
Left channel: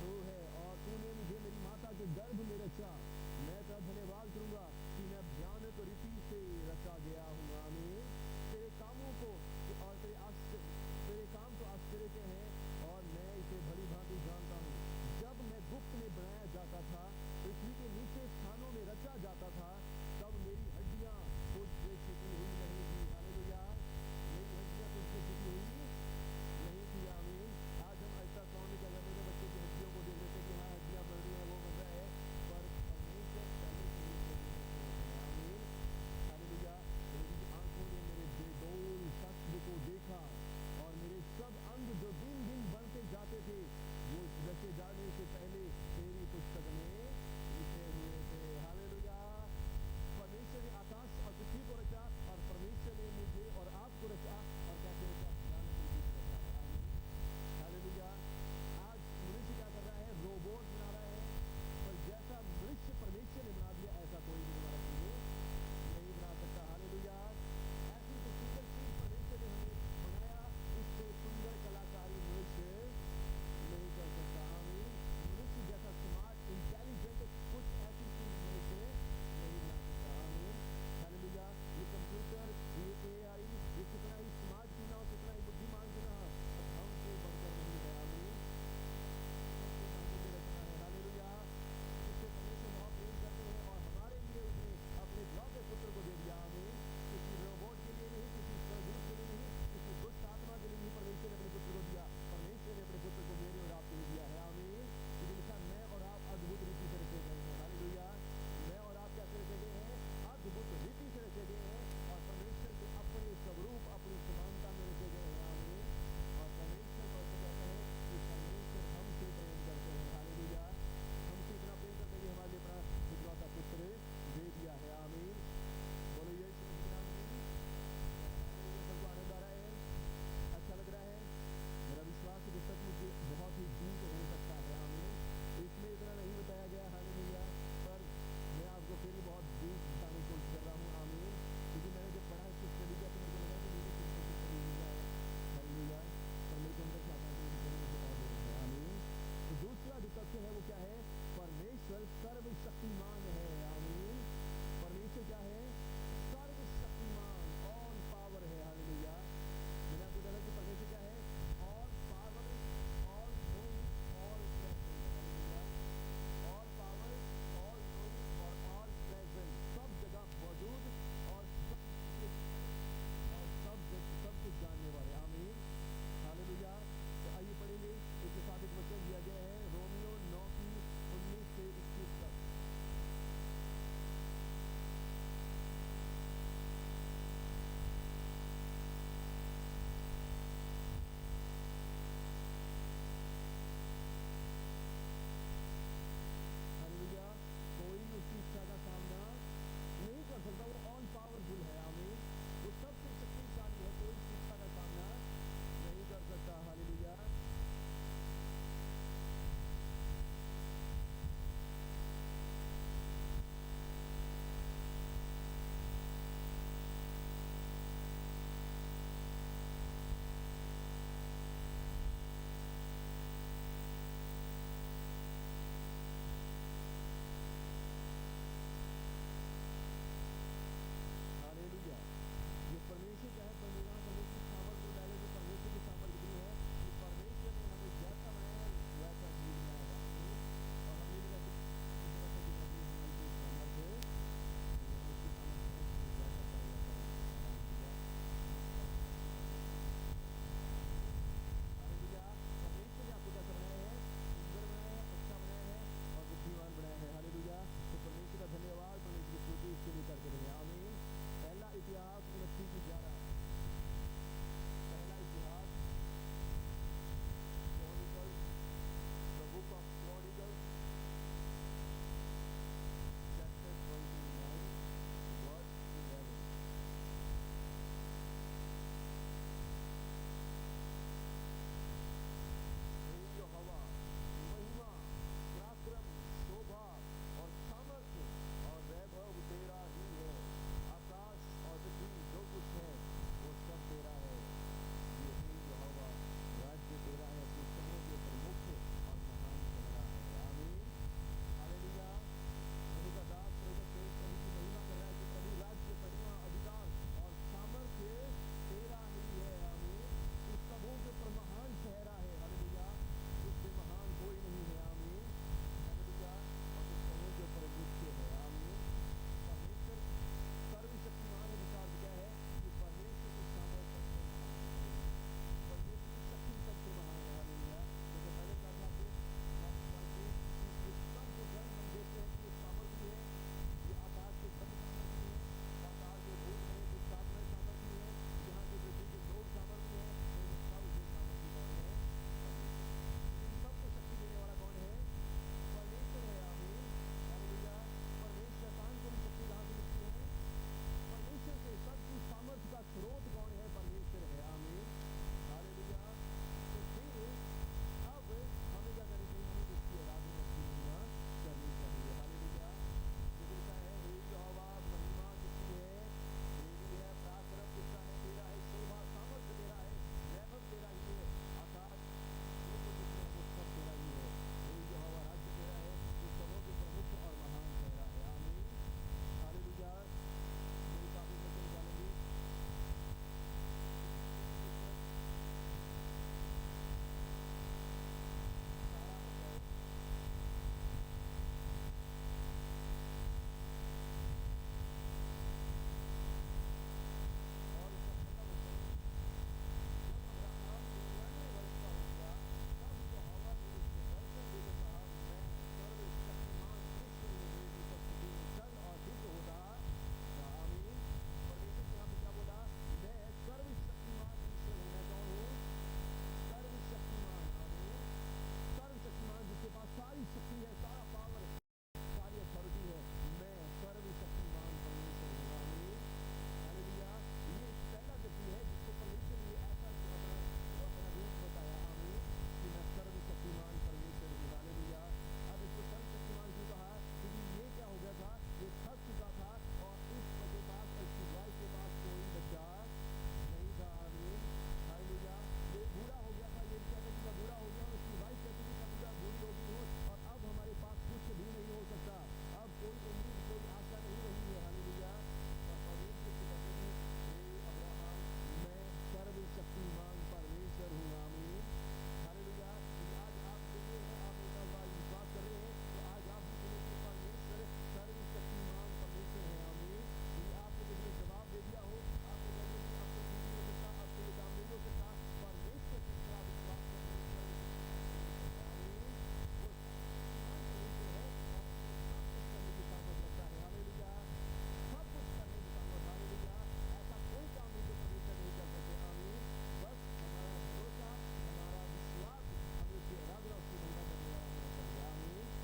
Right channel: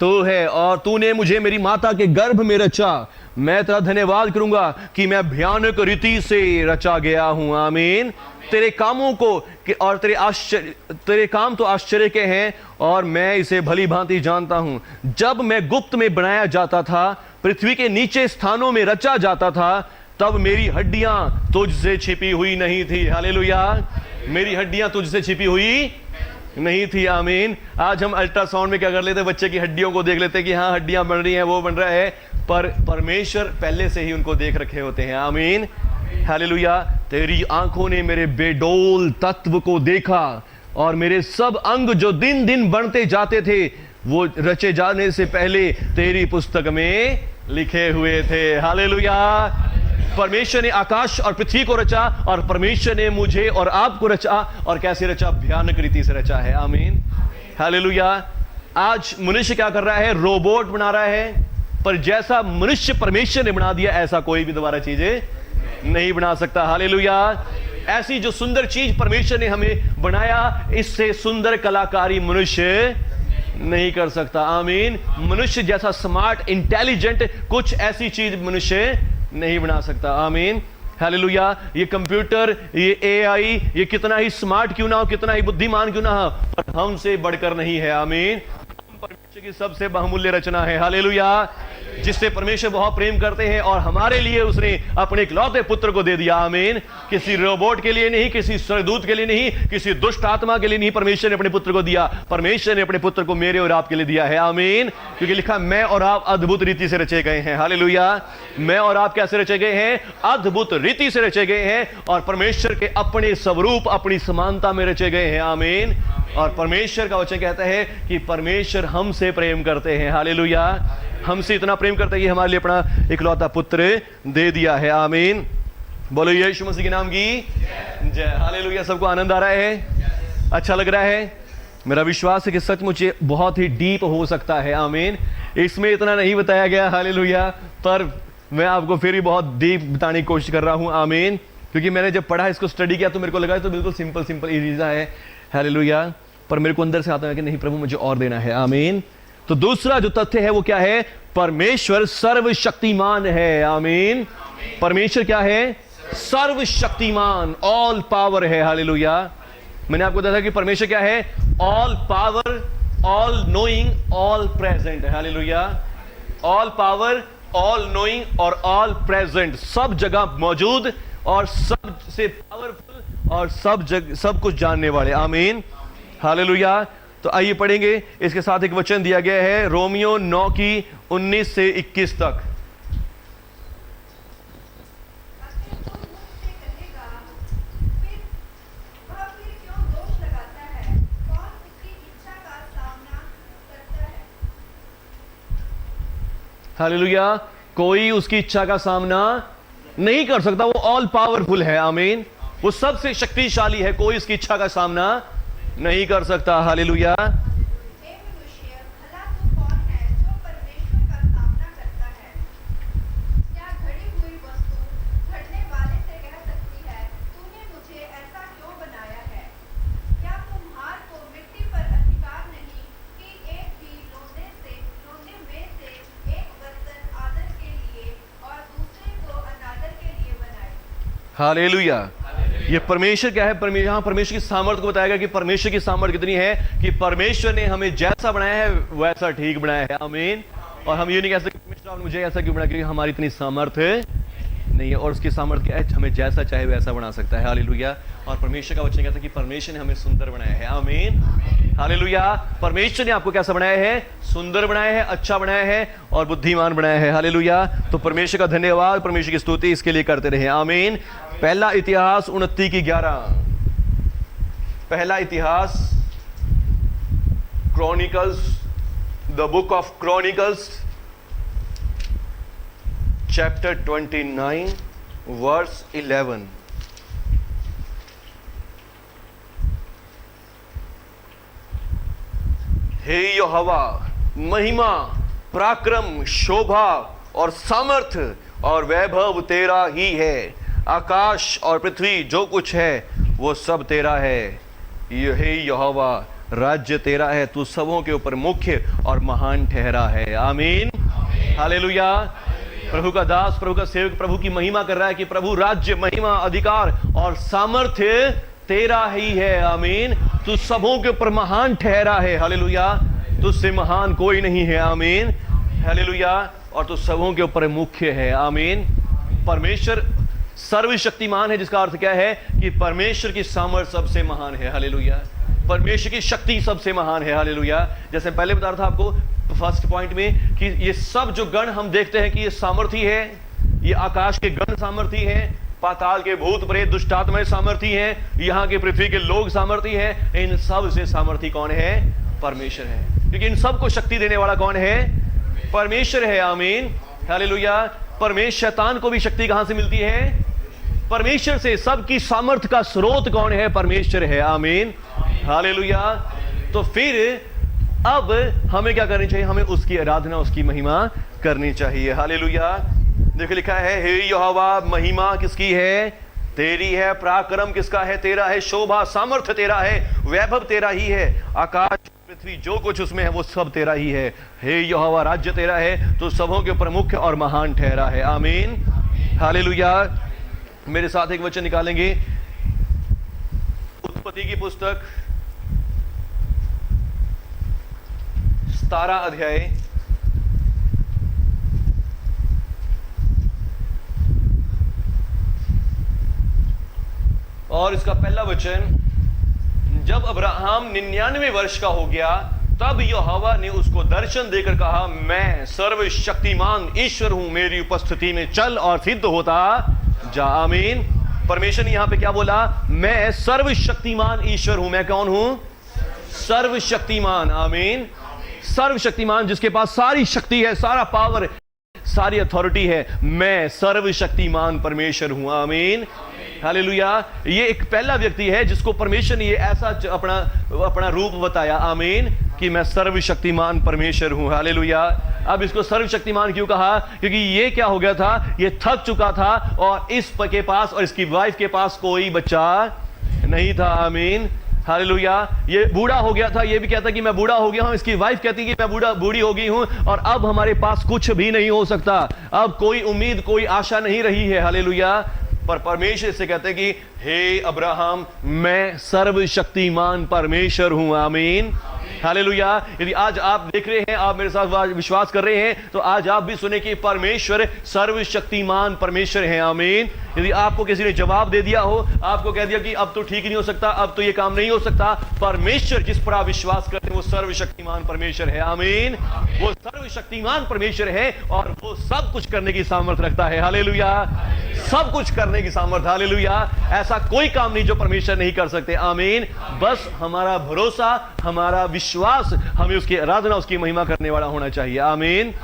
तो है, और तूने मुझे मेरी माता के गर्भ में रचा। मैं तेरा धन्यवाद करूंगा कि मैं भयानक रीति से रचा गया हूं। आमीन। तेरे कामों को और तेरे काम तो आश्चर्य के हैं, और मैं इसे भली भांति जानता हूं। जब मैं गुप्त में बनाया जाता था, पृथ्वी के नीचे स्थानों में रचा जाता था, तब मेरी हड्डियां तुझसे छिपी हुई नहीं थी। हालेलुया। मेरी हड्डियां तुझसे छिपी हुई नहीं थी। आमीन। आज हम अल्ट्रासाउंड में क्या कर लेते हैं? बच्चे की हड्डियों को देख लेते हैं कि हाँ हड्डियां बन रही हैं, वो बन रहा है, पर परमेश्वर पहले से ही उनको देख रखे होते हैं। आमीन। हालेलुया। तेरी आंखों ने मेरे बेडोल तत्व को देखा, और मेरे सब अंग जो दिन दिन बढ़ते जाते थे वो रचे जाने से पहले तेरी पुस्तक में लिखे हुए थे। हालेलुया। परमेश्वर ने आकाश और पृथ्वी को रचा और परमेश्वर ने मुझे और आपको रचा, और कैसे रचा? भयानक रीति से रचा है। आमीन। हालेलुया। आज मनुष्य क्या कर रहा है? रोबोट बना रहा है, पर जैसा मनुष्य परमेश्वर ने बना दिया ऐसा कोई भी दोबारा चीजें नहीं बना सकता। हालेलुया। ऐसी जो सुंदर चीज परमेश्वर ने हमें बनाया, इससे सुंदर कलाकारी मनुष्य नहीं कर सकता। आमीन। मनुष्य जैसा स्मार्ट, इंटेलिजेंट कुछ ऐसी चीज मनुष्य नहीं बना सकता। आमीन। हालेलुया। ये कंप्यूटर, ये एआई, ये कितना ही स्मार्ट क्यों ना हो, कितना ही बुद्धिमान क्यों ना हो, पर हमसे बढ़कर नहीं है। आमीन। परमेश्वर की सबसे बहुमूल्य रचना है। हालेलुया। जिससे परमेश्वर बहुत प्रेम करते हैं और हमारे लिए उसने अपने इकलौते पुत्र को दे दिया। आमीन। किसी रोबोट के लिए नहीं, किसी स्वर्गदूत के लिए नहीं, किसी दुष्ट आत्मा के लिए नहीं, परमेश्वर ने अपने पुत्र को दिया। परमेश्वर ने अपने पुत्र को मेरे और आपके लिए दिया है। आमीन। क्योंकि लिखा, मैं और आप अद्भुत रीति से रचे गए हैं। हालेलुया। मैं और आप कैसे रचे गए हैं? अद्भुत रीति से रचे गए हैं, और परमेश्वर के अपने स्वरूप, अपनी समानता में रचे गए हैं। आमीन। और परमेश्वर का वचन कहता है कि परमेश्वर हमसे प्रेम करते हैं। हालेलुया। हमसे इतना प्रेम करता है कि हमारे लिए अपना इकलौता पुत्र दे दिया है। आमीन। बोलो यीशु मसीह के नाम की जय। हालेलुया। सबको आनंद आ रहा है? अच्छा लग रहा है? मेरा विश्वास है कि सचमुच बहुत ही डीप हो सकता है। आमीन। इसमें इतना नहीं बताया गया। हालेलुया। पर मैं आपको फिर भी बहुत डीप बताने की कोशिश कर रहा हूं। आमीन। क्योंकि मैंने जब पढ़ा, इसको स्टडी किया, तो मेरे को लगा तो बिल्कुल सिंपल सिंपल इजी सा है। हालेलुया। पर मेरे को अंदर से आता है कि नहीं प्रभु, मुझे और देना है। आमीन। तो दूसरा जो तथ्य है वो क्या है? परमेश्वर सर्वशक्तिमान है। आमीन। परमेश्वर क्या है? सर्वशक्तिमान, ऑल पावर है। हालेलुया। मैंने आपको बताया कि परमेश्वर क्या है? All power, all knowing, all present है। हालेलुया। ऑल पावर, ऑल नोइंग और ऑल प्रेजेंट, सब जगह मौजूद और सबसे पावरफुल और सब कुछ जानने वाले। आमीन। हालेलुया। तो आइए पढ़ेंगे। इसके साथ एक वचन दिया गया है रोमियो 9 की 19 से 21 तक। हालेलुया। कोई उसकी इच्छा का सामना नहीं कर सकता। वो ऑल पावरफुल है। आमीन। वो सबसे शक्तिशाली है। कोई उसकी इच्छा का सामना नहीं कर सकता। हालेलुया। हालेलुया। ये परमेश्वर क्या है? यहाँ परमेश्वर की सामर्थ्य को बताया गया कि परमेश्वर की सामर्थ्य कितनी है कि परमेश्वर ने हमें जैसा बनाया है वैसा ठीक बनाया है। आमीन। और हम ये नहीं कह सकते परमेश्वर मुझे ऐसा क्यों बनाया, क्योंकि हमारी इतनी सामर्थ्य नहीं है। और उसकी सामर्थ्य क्या है? हमें जैसा चाहे वैसा बना सकता है। हालेलुया। और परमेश्वर का वचन कहता है कि परमेश्वर ने हमें सुंदर बनाया है। आमीन। हालेलुया। परमेश्वर ने आपको कैसा बनाया है? सुंदर बनाया है, अच्छा बनाया है और बुद्धिमान बनाया है। हालेलुया। तो परमेश्वर का धन्यवाद, परमेश्वर की स्तुति इसके लिए करते रहे। आमीन। पहला इतिहास 29 की 11। पहला इतिहास, Chronicles, the book of Chronicles, chapter 29 verse 11। हे यहोवा, महिमा, पराक्रम, शोभा और सामर्थ्य और वैभव तेरा ही है। आकाश और पृथ्वी जो कुछ है वो सब तेरा है। हे यहोवा, राज्य तेरा है, तू सबों के ऊपर मुख्य और महान ठहरा है। आमीन। हालेलुया। प्रभु का दास, प्रभु का सेवक प्रभु की महिमा कर रहा है कि प्रभु राज्य, महिमा, अधिकार और सामर्थ्य तेरा ही है। आमीन। तू सबों के ऊपर महान ठहरा है। हालेलुया। तुझसे महान कोई नहीं है। आमीन। हालेलुया। और तू सबों के ऊपर मुख्य है। आमीन। परमेश्वर सर्वशक्तिमान है, जिसका अर्थ क्या है कि परमेश्वर की सामर्थ्य सबसे महान है। हालेलुया। परमेश्वर की शक्ति सबसे महान है। हालेलुया। जैसे पहले बता रहा था आपको फर्स्ट पॉइंट में कि ये सब जो गण हम देखते हैं कि ये सामर्थी है, ये आकाश के गण सामर्थी है, पाताल के भूत प्रेत दुष्टात्माएं सामर्थी हैं, यहाँ के पृथ्वी के लोग सामर्थी हैं। इन सब से सामर्थी कौन है? परमेश्वर है, क्योंकि इन सबको शक्ति देने वाला कौन है? परमेश्वर है। आमीन, हालेलुया। परमेश्वर, शैतान को भी शक्ति कहां से मिलती है? परमेश्वर से। सबकी सामर्थ्य का स्रोत कौन है? परमेश्वर है। आमीन, हालेलुया। तो फिर अब हमें क्या करनी चाहिए? हमें उसकी आराधना, उसकी महिमा करनी चाहिए। हालेलुया। देखो लिखा है, हे यहोवा, महिमा किसकी है? तेरी है। पराक्रम किसका है? तेरा है। शोभा, सामर्थ्य तेरा है। वैभव तेरा ही है। आकाश, पृथ्वी, जो कुछ उसमें है वो सब तेरा ही है। हे यहोवा, राज्य तेरा है, तो सबों के ऊपर मुख्य और महान ठहरा है। आमीन, हालेलुया। मेरे साथ एक वचन निकालेंगे, उत्पत्ति की पुस्तक 17 अध्याय, और इसका पहला वचन। जब अब्राहम 99 वर्ष का हो गया, तब यहोवा ने उसको दर्शन देकर कहा, मैं सर्वशक्तिमान ईश्वर हूं, मेरी उपस्थिति में चल और सिद्ध होता जा। आमीन। परमेश्वर ने यहां पे क्या बोला? मैं सर्वशक्तिमान ईश्वर हूं। मैं कौन हूं? सर्वशक्तिमान। आमीन, सर्वशक्तिमान, जिसके पास सारी शक्ति है, सारा पावर, सारी अथॉरिटी है। मैं सर्वशक्तिमान परमेश्वर हूं। आमीन, हालेलुया। ये एक पहला व्यक्ति है जिसको परमेश्वर ने ये ऐसा अपना रूप बताया। आमीन, कि मैं सर्वशक्तिमान परमेश्वर हूं। हालेलुया। अब इसको सर्वशक्तिमान क्यों कहा? क्योंकि ये क्या हो गया था? ये थक चुका था और इस के पास और इसकी वाइफ के पास कोई बच्चा नहीं था। आमीन, हालेलुया। ये बूढ़ा हो गया था, ये भी कहता कि मैं बूढ़ा हो गया हूं, इसकी वाइफ कहती कि मैं बूढ़ी हो गई हूं और अब हमारे पास कुछ भी नहीं हो सकता, अब कोई उम्मीद, कोई आशा नहीं रही है। हालेलुया। पर परमेश्वर से कहते कि हे अब्राहम, मैं सर्वशक्तिमान परमेश्वर हूं। आमीन, हालेलुया। यदि आज आप देख रहे हैं, आप मेरे साथ विश्वास कर रहे हैं, तो आज आप भी सुने कि परमेश्वर सर्वशक्तिमान परमेश्वर है। आमीन। यदि आपको किसी ने जवाब दे दिया हो, आपको कह दिया कि अब तो ठीक नहीं हो सकता, अब तो ये काम नहीं हो सकता, परमेश्वर जिस पर आप विश्वास करते हैं वो सर्वशक्तिमान परमेश्वर है। आमीन, वो सर्वशक्तिमान परमेश्वर है और वो सब कुछ करने की सामर्थ्य रखता है। हालेलुया, सब कुछ करने की सामर्थ्य। हालेलुया। ऐसा कोई काम नहीं जो परमेश्वर नहीं कर सकते। आमीन। बस हमारा भरोसा, हमारा विश्वास, हमें उसकी आराधना, उसकी महिमा करने वाला होना चाहिए। आमीन,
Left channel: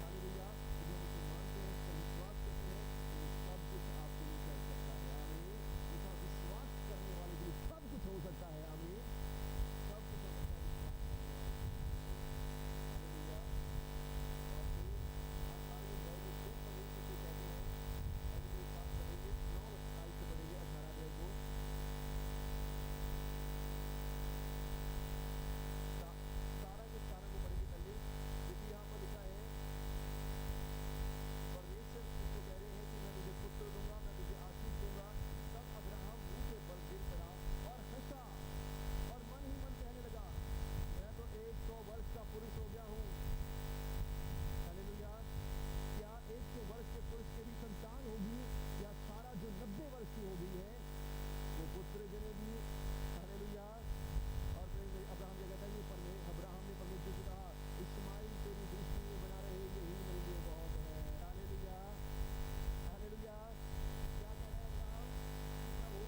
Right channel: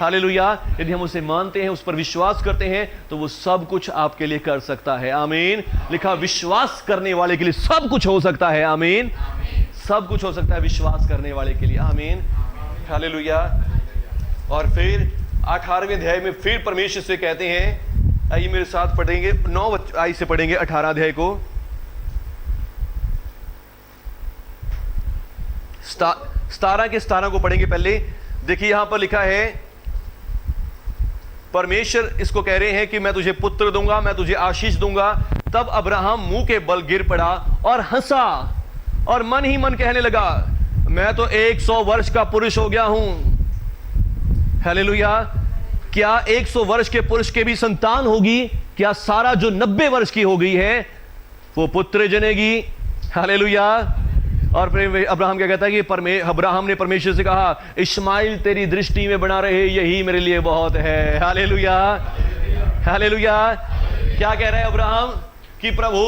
हालेलुया। यदि हम उसे मानते हैं, उस पर विश्वास करते हैं, तो वो सब कुछ आपके लिए कर सकता है। आमीन। लिखा, विश्वास करने वाले के लिए सब कुछ हो सकता है। आमीन, सब कुछ हो सकता है विश्वास करने वाले के लिए। आमीन, हालेलुया। और फिर 18वें अध्याय में फिर परमेश्वर से कहते हैं, आइए मेरे साथ पढ़ेंगे, 9 आई से पढ़ेंगे 18 अध्याय को। 17 के 17 को पढ़ेंगे पहले। देखिए यहां पर लिखा है, परमेश्वर इसको कह रहे हैं कि मैं तुझे पुत्र दूंगा, मैं तुझे आशीष दूंगा। तब अब्राहम मुंह के बल गिर पड़ा और हंसा और मन ही मन कहने लगा, मैं तो 100 वर्ष का पुरुष हो गया हूं। हालेलुया। क्या 100 वर्ष के पुरुष के भी संतान होगी? क्या सारा जो 90 वर्ष की हो गई है वो पुत्र जनेगी? हालेलुया। और फिर अब्राहम क्या कहता है कि अब्राहम ने परमेश्वर से कहा, इस्माइल तेरी दृष्टि में बना रहे, यही मेरे लिए बहुत है। Hallelujah, hallelujah. क्या कह रहा है अब्राहम? कि प्रभु,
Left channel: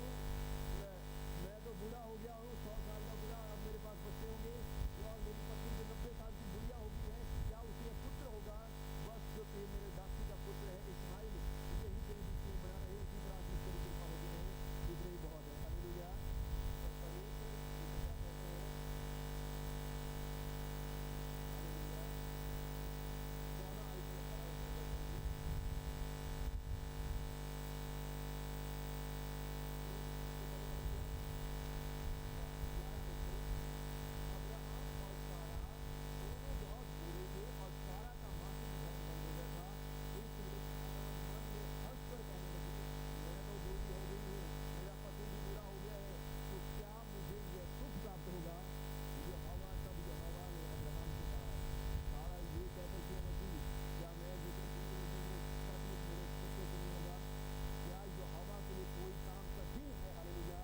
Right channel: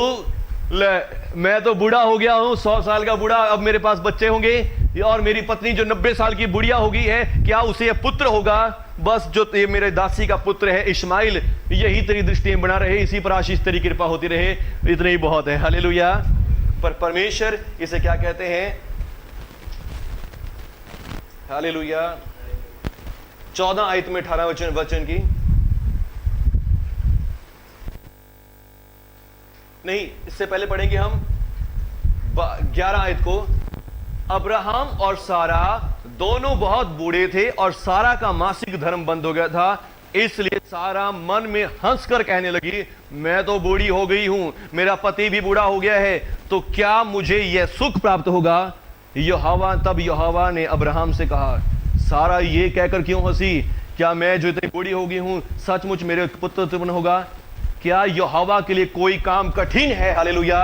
मैं तो बूढ़ा हो गया हूं, 100 साल का बूढ़ा, अब मेरे पास बच्चे होंगे, और मेरी पत्नी जो 90 साल की बुढ़िया हो गई है, क्या उसे यह पुत्र होगा? बस जो ये मेरे दासी का पुत्र है इस्माइल, यही तेरी दृष्टि में बना रहे, इसी पर आशीष तेरी कृपा होती रहे, इतना ही बहुत है। हालेलुया। पर परमेश्वर इसे क्या कहते हैं? हालेलुया। 14 आयत में 18 वचन की नहीं, इससे पहले पढ़ेंगे हम 11 आयत को। अब्राहम और सारा दोनों बहुत बूढ़े थे और सारा का मासिक धर्म बंद हो गया था, इसलिए सारा मन में हंसकर कहने लगी, मैं तो बूढ़ी हो गई हूं, मेरा पति भी बूढ़ा हो गया है, तो क्या मुझे यह सुख प्राप्त होगा? तब यहोवा ने अब्राहम से कहा, सारा ये कहकर क्यों हंसी? क्या मैं जो इतनी बूढ़ी हो गई हूं सचमुच मेरे पुत्र उत्पन्न होगा? क्या यहोवा के लिए कोई काम कठिन है? हालेलुया।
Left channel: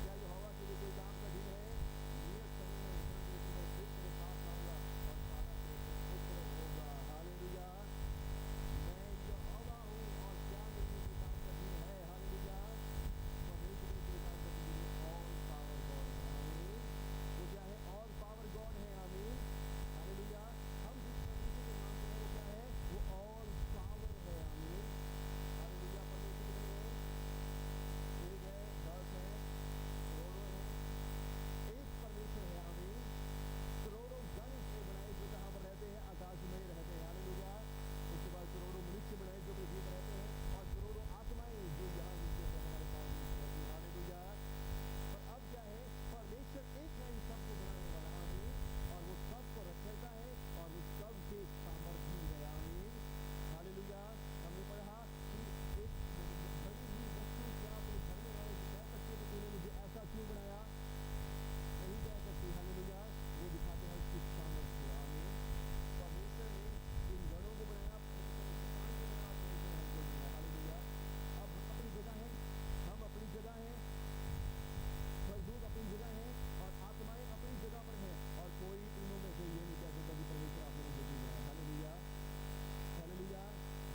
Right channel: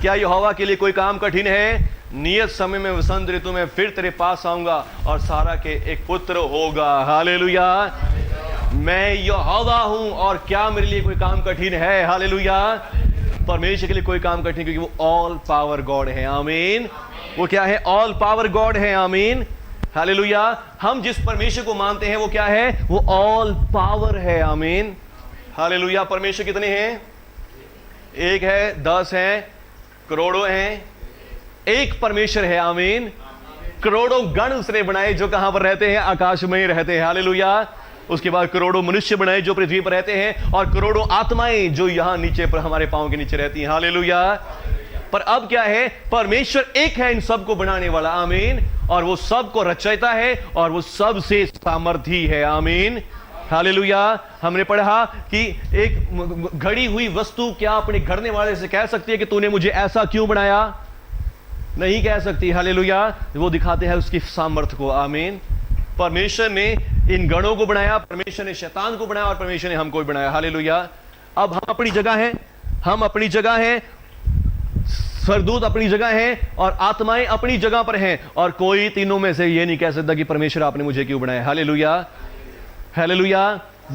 क्या यहोवा के लिए कोई काम कठिन है? नियत समय में वसंत ऋतु में फिर तेरे पास आऊंगा और सारा के एक पुत्र होगा। हालेलुया। मैं यहोवा हूं और क्या मेरे लिए कोई काम कठिन है? हालेलुया। परमेश्वर के लिए कोई काम कठिन, क्योंकि वो ऑल पावर गॉड है। आमीन। वो क्या है? ऑल पावर गॉड है। आमीन। हालेलुया। हम जिस परमेश्वर को मानते हैं वो क्या है? वो ऑल पावर है। आमीन। हालेलुया। परमेश्वर कितने हैं? एक है, 10 हैं, करोड़ों हैं, एक परमेश्वर है। आमीन। करोड़ों गण उसने बनाए जो कहां पर रहते हैं? आकाश में ही रहते हैं। हालेलुया। उसके बाद करोड़ों मनुष्य बनाए जो पृथ्वी पर रहते हैं, और करोड़ों आत्माएं जो यहां नीचे पर हमारे पांव के नीचे रहती हैं। हालेलुया। पर अब क्या है? परमेश्वर एक है इन सब को बनाने वाला। आमीन। और वो सब को रचयिता है, और वो सबसे सामर्थी है। आमीन। हालेलुया। हमने पढ़ा कि एक घड़ी हुई वस्तु क्या अपने घड़ने वाले से कह सकती है कि तूने मुझे ऐसा क्यों बनाया? नहीं कह सकती। हालेलुया। वो दिखाते हैं उसकी सामर्थ्य को। आमीन। परमेश्वर ने इन गणों को बनाया, परमेश्वर ने शैतान को बनाया, और परमेश्वर ने हमको भी बनाया। हालेलुया। अब हम अपनी जगह हैं, हम अपनी जगह हैं, स्वर्गदूत अपनी जगह हैं, और आत्माएं अपनी जगह पर हैं, और कोई तीनों में से ये नहीं कह सकता कि परमेश्वर आपने मुझे क्यों बनाया। हालेलुया। हालेलुया।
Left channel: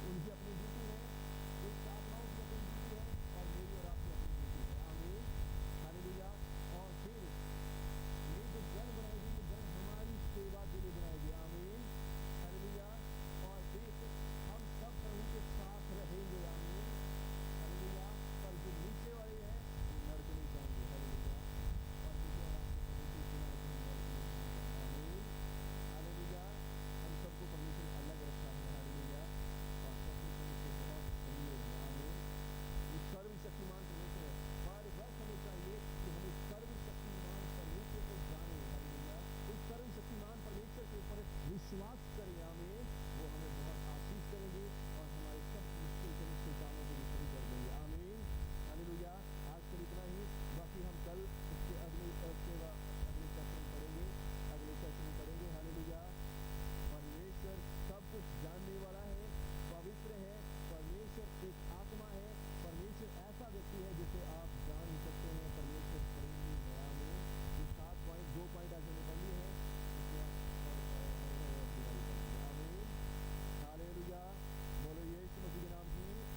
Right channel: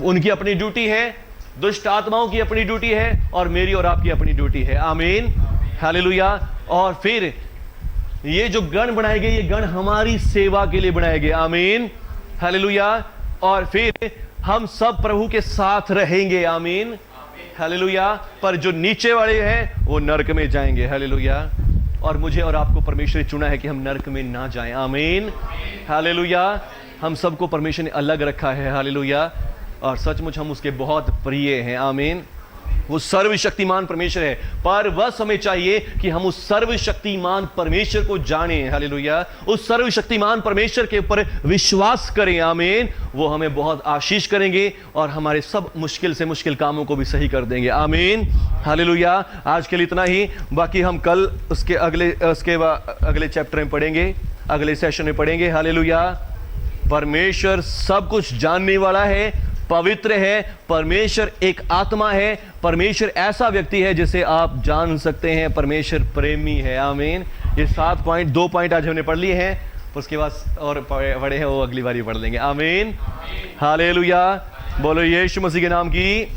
उनकी अपनी ड्यूटी है, दुष्ट आत्माओं की अपनी ड्यूटी है, और मेरी और आपकी अपनी ड्यूटी है। आमीन। हालेलुया। और फिर ये जो गण बनाए गए, ये गण हमारी सेवा के लिए बनाए गए। आमीन। हालेलुया। और फिर हम सब प्रभु के साथ रहेंगे। आमीन। हालेलुया। पर जो नीचे वाले हैं वो नरक में जाएंगे। हालेलुया। और मुझे और आपको परमेश्वर ने चुना है कि हम नरक में ना जाएं। आमीन। हालेलुया। हम सबको परमेश्वर ने अलग रखा है। हालेलुया। और सचमुच हम उसके बहुत प्रिय हैं। आमीन। वो सर्वशक्तिमान परमेश्वर है, पर बस हमें चाहिए कि हम उस सर्वशक्तिमान परमेश्वर को जानें। हालेलुया। उस सर्वशक्तिमान परमेश्वर के ऊपर विश्वास करें। आमीन। वो हमें बहुत आशीष करेंगे, और हमारे सब मुश्किल से मुश्किल कामों को भी सही कर देंगे। आमीन। हालेलुया। आज के लिए इतना ही, बाकी हम कल उसके अगले चैप्टर में पढ़ेंगे, अगले सेशन में पढ़ेंगे। हालेलुया। परमेश्वर सब कुछ जानने वाला है, पवित्र है, परमेश्वर एक आत्मा है, परमेश्वर ऐसा व्यक्ति है जिसे आप जान सकते हैं, परमेश्वर प्रेमी है। आमीन। ये 7 पॉइंट, 2 पॉइंट आज हमने पढ़ लिए हैं, उसके बाद और बड़े हैं वो अगली बारी पढ़ लेंगे। आमीन। हालेलुया। बोलो यीशु मसीह के नाम की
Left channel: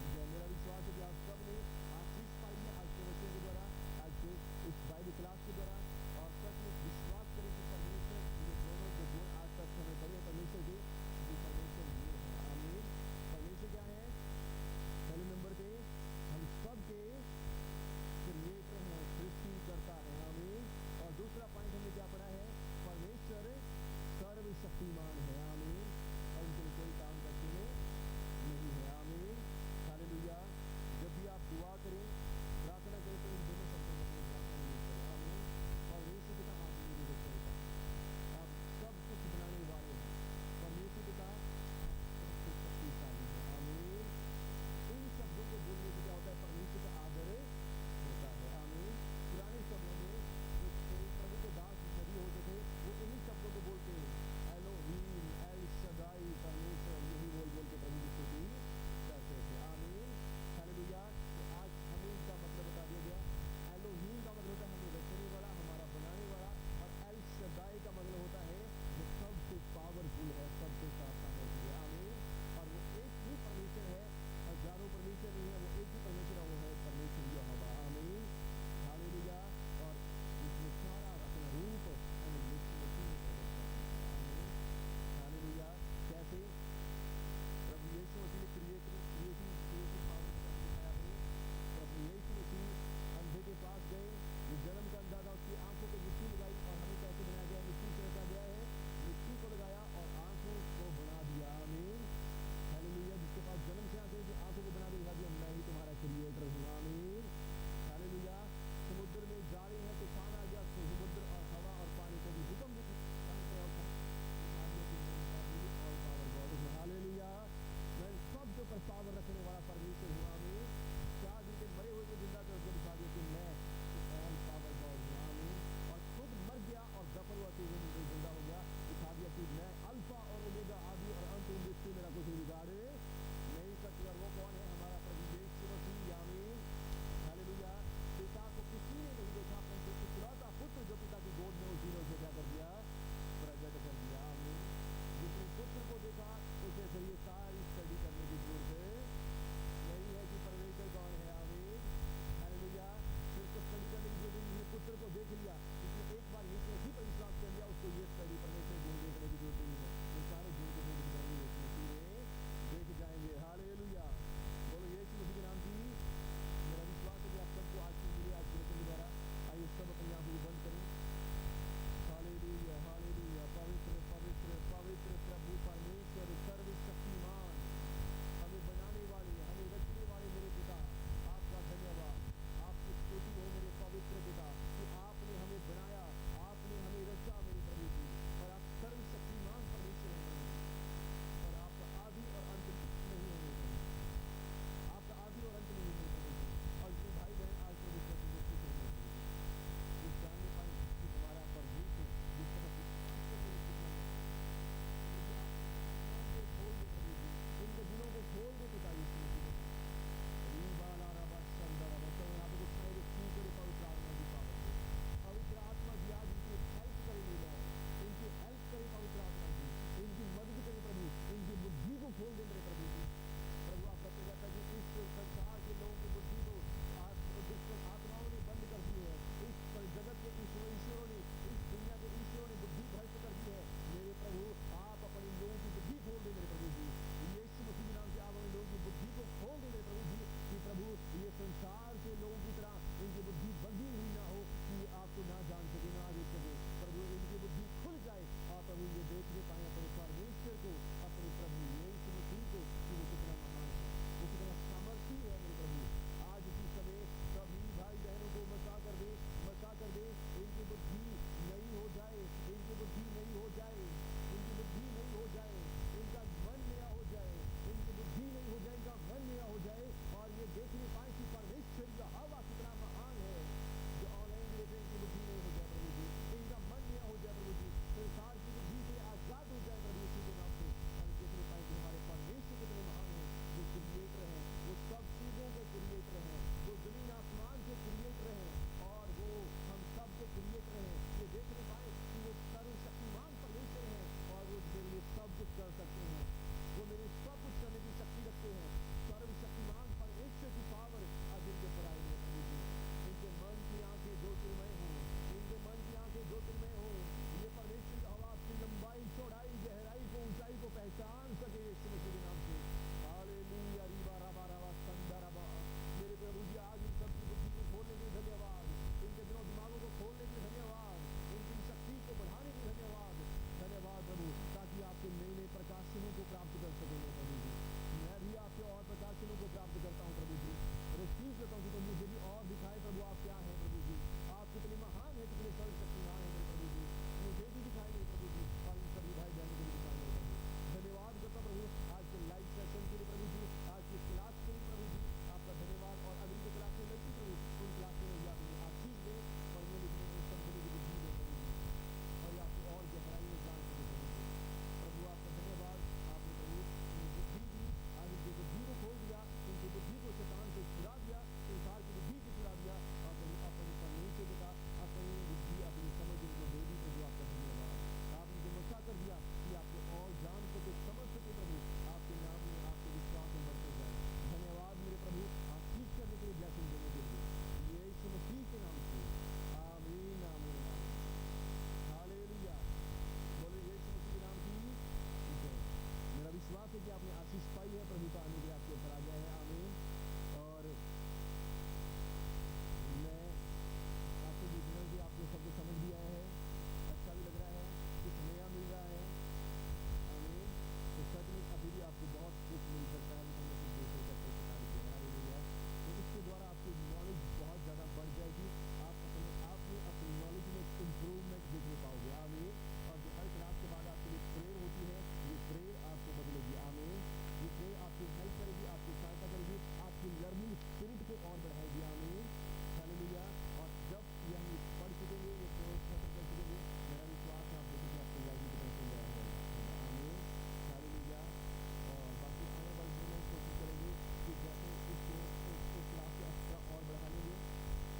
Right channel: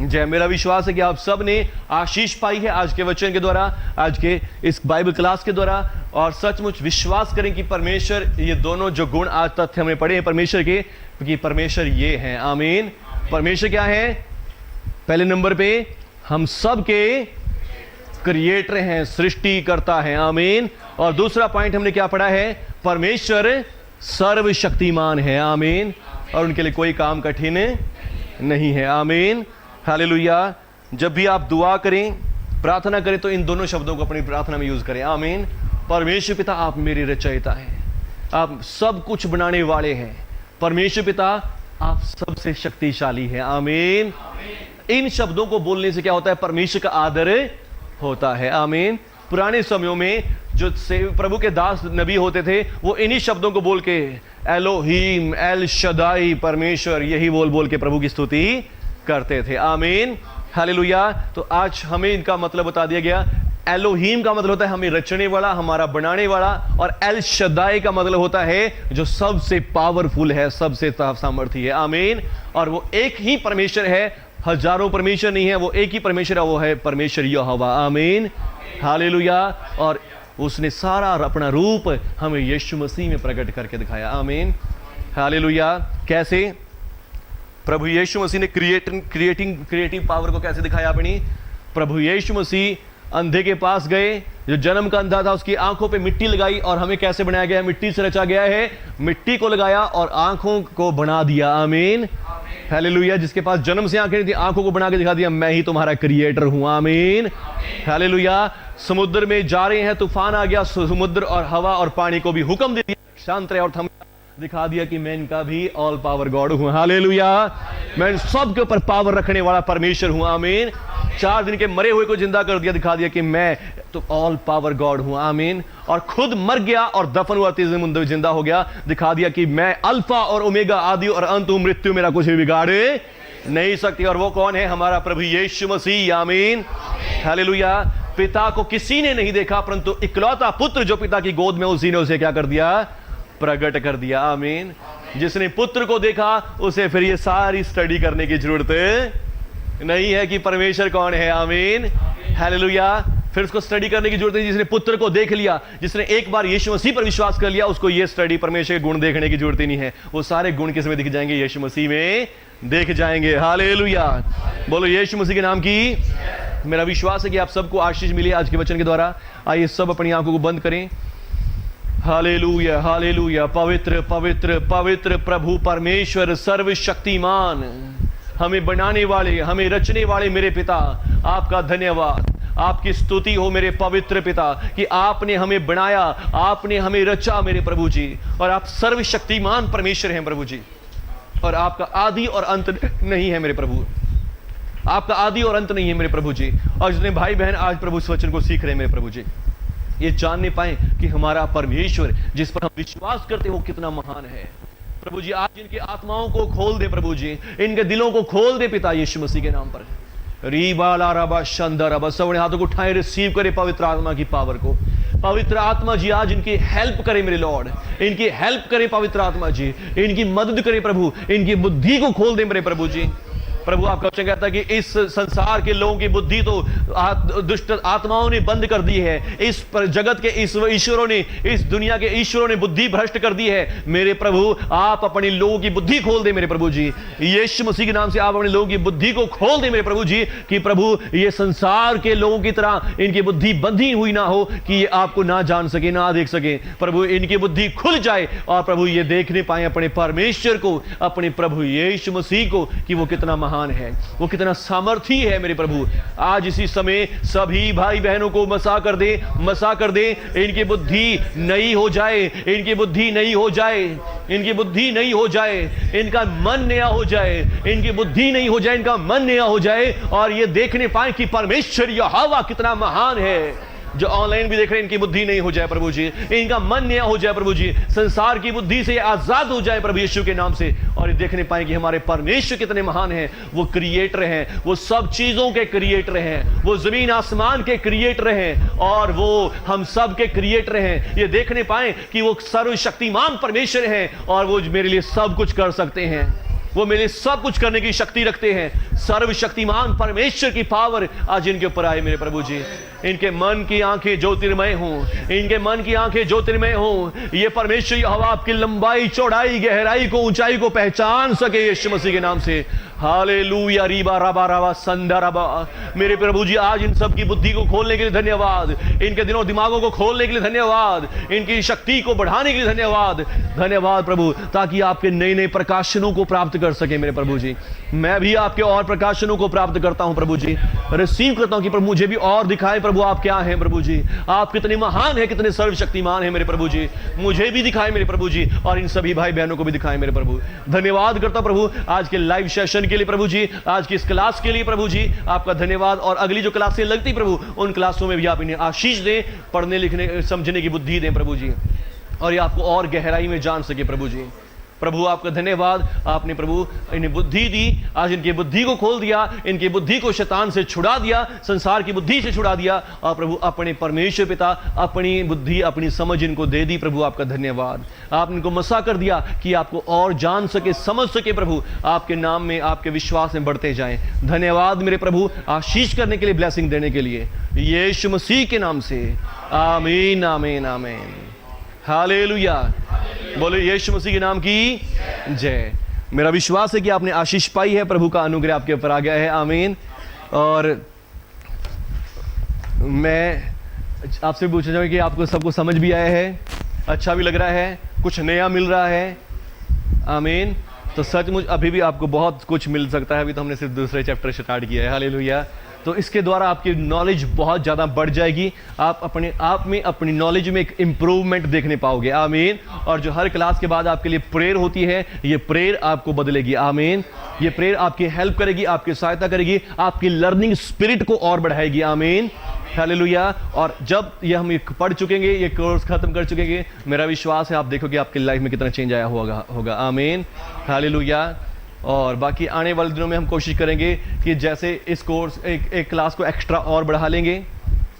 जय। मेरा विश्वास है कि आप सब ने आशीष पाई है आज के वचन के द्वारा, आज के इस बाइबल क्लास के द्वारा, और सचमुच विश्वास करें कि परमेश्वर, ये दोनों जो गुण आज तथ्य हमने पढ़े हैं परमेश्वर के, क्योंकि परमेश्वर ये हैं। आमीन। परमेश्वर क्या है? पहले नंबर पे हम सब के क्रिएटर हैं, सृष्टि करता है। आमीन। और दूसरा पॉइंट हमने क्या पढ़ा है? परमेश्वर सर्वशक्तिमान है। आमीन। और उनके लिए कोई काम कठिन नहीं है। आमीन। हालेलुया। जब भी आप दुआ करें, प्रार्थना करें, तो इन दोनों शब्दों को अपनी प्रार्थना में यूज करें। आमीन। परमेश्वर पिता, आप मेरे रचयिता हैं, आप सब कुछ बनाने वाले हैं। परमेश्वर पिता, आप सबसे शक्तिशाली हैं। आमीन। इन शब्दों को बोलने से क्या होता है? परमेश्वर का आदर होता है। आमीन। पुराने समयों में जो प्रभु के दास नबी होते थे, वो इन्हीं शब्दों को बोल के एलोहीम, एल शदाई, परमेश्वर, यही बोल बोल के प्रभु की स्तुति करते थे। आमीन। हालेलुया। तो आज हमें इनका मतलब बता दिया गया। एलोहीम का मतलब होता है हमें रचने वाला, हमारा बनाने वाला, और एल शदाई का मतलब होता है जो सबसे पावरफुल है, सबसे सामर्थी है। आमीन। और वो एक ही परमेश्वर है, हजारों परमेश्वर नहीं है, वो एक ही परमेश्वर है, वो है परमेश्वर यहोवा। आमीन। हालेलुया। और उसने सारा अपना रूप हमें यीशु मसीह में प्रकट करके दिखाया। आमीन। हालेलुया। कैसे? प्रभु यीशु मसीह ने क्रिएटिव पावर को कैसे दिखाया अपनी? प्रभु यीशु मसीह अंधे के पास गए, जो जन्म का अंधा था, उसकी आंखों पे मिट्टी लगाई, और हमें कैसे बनाया गया है? मिट्टी से रचा गया है। मिट्टी को लगाया और आंखों को बना दिया। आमीन। हालेलुया। जिसके पास जन्म से आंखें नहीं थी, आंखों को बना के दिखा दिया, मैं ही तुम्हारा क्रिएटर हूं। आमीन। हालेलुया। समुद्र में जा रहे हैं, तूफान आ गया, समुद्र और हवा और पानी को भी हुक्म दे दिया शांत रहे, और थम दिखा दिया कि मैं इनका भी ऑल पावर गॉड हूं। हालेलुया। मैं सबके ऊपर पावर रखने वाला परमेश्वर हूं। आमीन। 4 दिन के मरे हुए को जिंदा कर दिया, दिखा दिया कि मैं तो ऑल पावर गॉड हूं। आमीन। और खुद मर गया और दफन हुआ, तीसरे दिन जिंदा हो गया, दिखा दिया कि मैं अल्फा और ओमेगा, आदि और अंत हूं, मृत्यु मेरा कुछ भी बिगाड़े नहीं सकती। और वो कौन है? हमारा प्रभु यीशु मसीह। आमीन। हालेलुया। पिता को किसी ने नहीं देखा, परंतु इकलौता पुत्र जो पिता की गोद में, उसी ने उसे क्या कर दिया? प्रकट कर दिया। आमीन। जिसने पुत्र को देखा, उसे फिर ये सारी स्टडी करने की जरूरत नहीं है कि परमेश्वर कौन है। आमीन। हालेलुया। फिर उसको स्टडी करने की जरूरत नहीं। जिसने पुत्र को देख लिया, जिसने एक बार यीशु मसीह पर विश्वास कर लिया, उसको ये स्टडी परमेश्वर के गुण देखने की जरूरत ही नहीं है। वो सारे गुण किस में दिख जाएंगे? यीशु मसीह में देख जाएंगे। हालेलुया। बोलो यीशु मसीह के नाम की। मेरा विश्वास है कि आप सबको आशीष मिली आज के वचन के द्वारा। आइए सब अपनी आंखों को बंद करें। Hallelujah, hallelujah. पवित्र पवित्र पवित्र प्रभु परमेश्वर सर्वशक्तिमान, हमें बनाने वाले, हमें रचने वाले मेरे पिता, आपका धन्यवाद, आपकी स्तुति हो मेरे पवित्र पिता कि आपने हमें बनाया, आपने हमें रचा मेरे प्रभु जी। और आप सर्वशक्तिमान परमेश्वर हैं प्रभु जी, और आपका आदि और अंत नहीं है मेरे प्रभु। आपका आदि और अंत नहीं है मेरे प्रभु जी। और जितने भाई बहन आज प्रभु इस वचन को सीख रहे हैं मेरे प्रभु जी, ये जानने पाए कि हमारा परमेश्वर जिस पर हम विश्वास करते हो कितना महान है प्रभु जी। आज इनकी आत्माओं को खोल दे प्रभु जी, इनके दिलों को खोल दे पिता यीशु मसीह के नाम पर। रीबाला रबा शंदर रबा, सबने हाथों को उठाए, रिसीव करे पवित्र आत्मा की पावर को। पवित्र आत्मा जी आज इनकी हेल्प करे मेरे लॉर्ड, इनकी हेल्प करे पवित्र आत्मा जी, इनकी मदद करे प्रभु, इनकी बुद्धि को खोल दे मेरे प्रभु जी। प्रभु आपका वचन कहता है कि इस संसार के लोगों की बुद्धि तो दुष्ट आत्माओं ने बंद कर दी है। इस जगत के इस ईश्वरों ने, इस दुनिया के ईश्वरों ने बुद्धि भ्रष्ट कर दी है। मेरे प्रभु आप अपने लोगों की बुद्धि खोल दे मेरे प्रभु जी। यीशु मसीह के नाम से आप अपने लोगों की बुद्धि को खोल दे मेरे प्रभु जी, कि प्रभु ये संसार के लोगों की तरह इनकी बुद्धि बंधी हुई ना हो, कि ये आपको ना जान सके, ना देख सके। प्रभु इनकी बुद्धि खुल जाए और प्रभु ये देखने पाए अपने परमेश्वर को, अपने प्रभु यीशु मसीह को, कि वो कितना महान है, वो कितना सामर्थी है मेरे प्रभु। आज इसी समय सभी भाई बहनों को मसा कर दे, मसा कर दे। इनकी बुद्धि नई हो जाए, इनकी बुद्धि नई हो जाए, इनकी बुद्धि नई हो जाए, इनका मन नया हो जाए, इनकी बुद्धि नई हो जाए, इनका मन नया हो जाए, और ये देखने पाए कि परमेश्वर यहोवा कितना महान है। जो ऑनलाइन भी देख रहे हैं, इनकी बुद्धि नहीं हो जाए प्रभु जी, इनका मन नया हो जाए प्रभु जी, संसार की बुद्धि से आजाद हो जाए प्रभु यीशु के नाम से, और ये देखने पाए कि हमारे परमेश्वर कितने महान हैं। वो क्रिएटर हैं, वो सब चीजों के क्रिएटर हैं, वो जमीन आसमान के क्रिएटर हैं, और वो हम सब के क्रिएटर हैं। ये देखने पाए कि वो सर्वशक्तिमान परमेश्वर हैं, और वो मेरे लिए सब कुछ कर सकते हैं, वो मेरे सब कुछ करने की शक्ति रखते हैं। सर्वशक्तिमान परमेश्वर की पावर आज इनके ऊपर आए मेरे प्रभु जी। इनके मन की आंखें ज्योतिर्मय हों, इनके मन की आंखें ज्योतिर्मय हों। ये परमेश्वर यहोवा आपकी लंबाई, चौड़ाई, गहराई को, ऊंचाई को पहचान सके यीशु मसीह के नाम से। हालेलुया। रीबा रबा रबा संदा रबा। मेरे प्रभु जी आज इन सब की बुद्धि को खोलने के लिए धन्यवाद, इनके दिलों दिमागों को खोलने के लिए धन्यवाद, इनकी शक्ति को बढ़ाने के लिए धन्यवाद। धन्यवाद प्रभु, ताकि आपके नए नए प्रकाशनों को प्राप्त कर सके मेरे प्रभु जी। मैं भी आपके और प्रकाशनों को प्राप्त करता हूं प्रभु जी, रिसीव करता हूं कि प्रभु मुझे भी और दिखाएं प्रभु आप क्या हैं प्रभु जी, आप कितने महान हैं, कितने सर्वशक्तिमान हैं मेरे प्रभु जी। मुझे भी दिखाएं मेरे प्रभु जी, और इन सभी भाई बहनों को भी दिखाएं मेरे प्रभु। धन्यवाद करता हूं प्रभु आज के लाइव सेशन के लिए प्रभु जी, आज की इस क्लास के लिए प्रभु जी आपका धन्यवाद। और अगली जो क्लासें लगती प्रभु, उन क्लासों में भी आप इन्हें आशीष दें, पढ़ने लिखने समझने की बुद्धि दें प्रभु जी, और ये आपको और गहराई में जान सके प्रभु जी। प्रभु आपका धन्यवाद, आपने प्रभु इन्हें बुद्धि दी, आज इनकी बुद्धि को खोल दिया, इनकी बुद्धि को शैतान से छुड़ा दिया, संसार की बुद्धि से छुड़ा दिया, और प्रभु अपने परमेश्वर पिता अपनी बुद्धि, अपनी समझ इनको दे दी प्रभु। आपका धन्यवाद, आपने इनको मसा कर दिया कि आपको और जान सके, समझ सके प्रभु, आपके नाम में, आपके विश्वास में बढ़ते जाएं। धन्यवाद मेरे प्रभु, आशीष करने के लिए, ब्लेसिंग देने के लिए, यीशु मसीह के नाम से आमीन आमीन आमीन। हालेलुया। बोले यीशु मसीह के नाम की जय। मेरा विश्वास है कि आपने आशीष पाई है, प्रभु का अनुग्रह आपके ऊपर आ गया है। आमीन। और मैं आपसे पूछना चाहूँगा कि आपको सबको समझ भी आया है, अच्छा भी लग रहा है, कुछ नया मिल रहा है। आमीन। तो सचमुच अभी भी आपको बहुत कुछ मिल सकता है, अभी तो हमने सिर्फ दूसरे चैप्टर स्टार्ट किया है। हालेलुया। तो इसके द्वारा आपकी नॉलेज बहुत ज़्यादा बढ़ जाएगी, आप अपने आप में, अपनी नॉलेज में एक इम्प्रूवमेंट देखने पाओगे। आमीन। और जो हर क्लास के बाद आपके लिए प्रेयर होती है, ये प्रेयर आपको बदलेगी। आमीन। ये प्रेयर आपकी हेल्प करेगी, आपकी सहायता करेगी, आपकी लर्निंग स्पिरिट को और बढ़ाएगी। आमीन। हालेलुया। और जब ये हम पढ़ चुकेंगे, ये कोर्स खत्म कर चुकेंगे, मेरा विश्वास है आप देखोगे आपकी लाइफ में कितना चेंज आया होगा। आमीन। हालेलुया। और बाकी आने वाले दिनों में हम कोशिश करेंगे कि जैसे इस कोर्स एक क्लास को एक्स्ट्रा और बढ़ा लेंगे।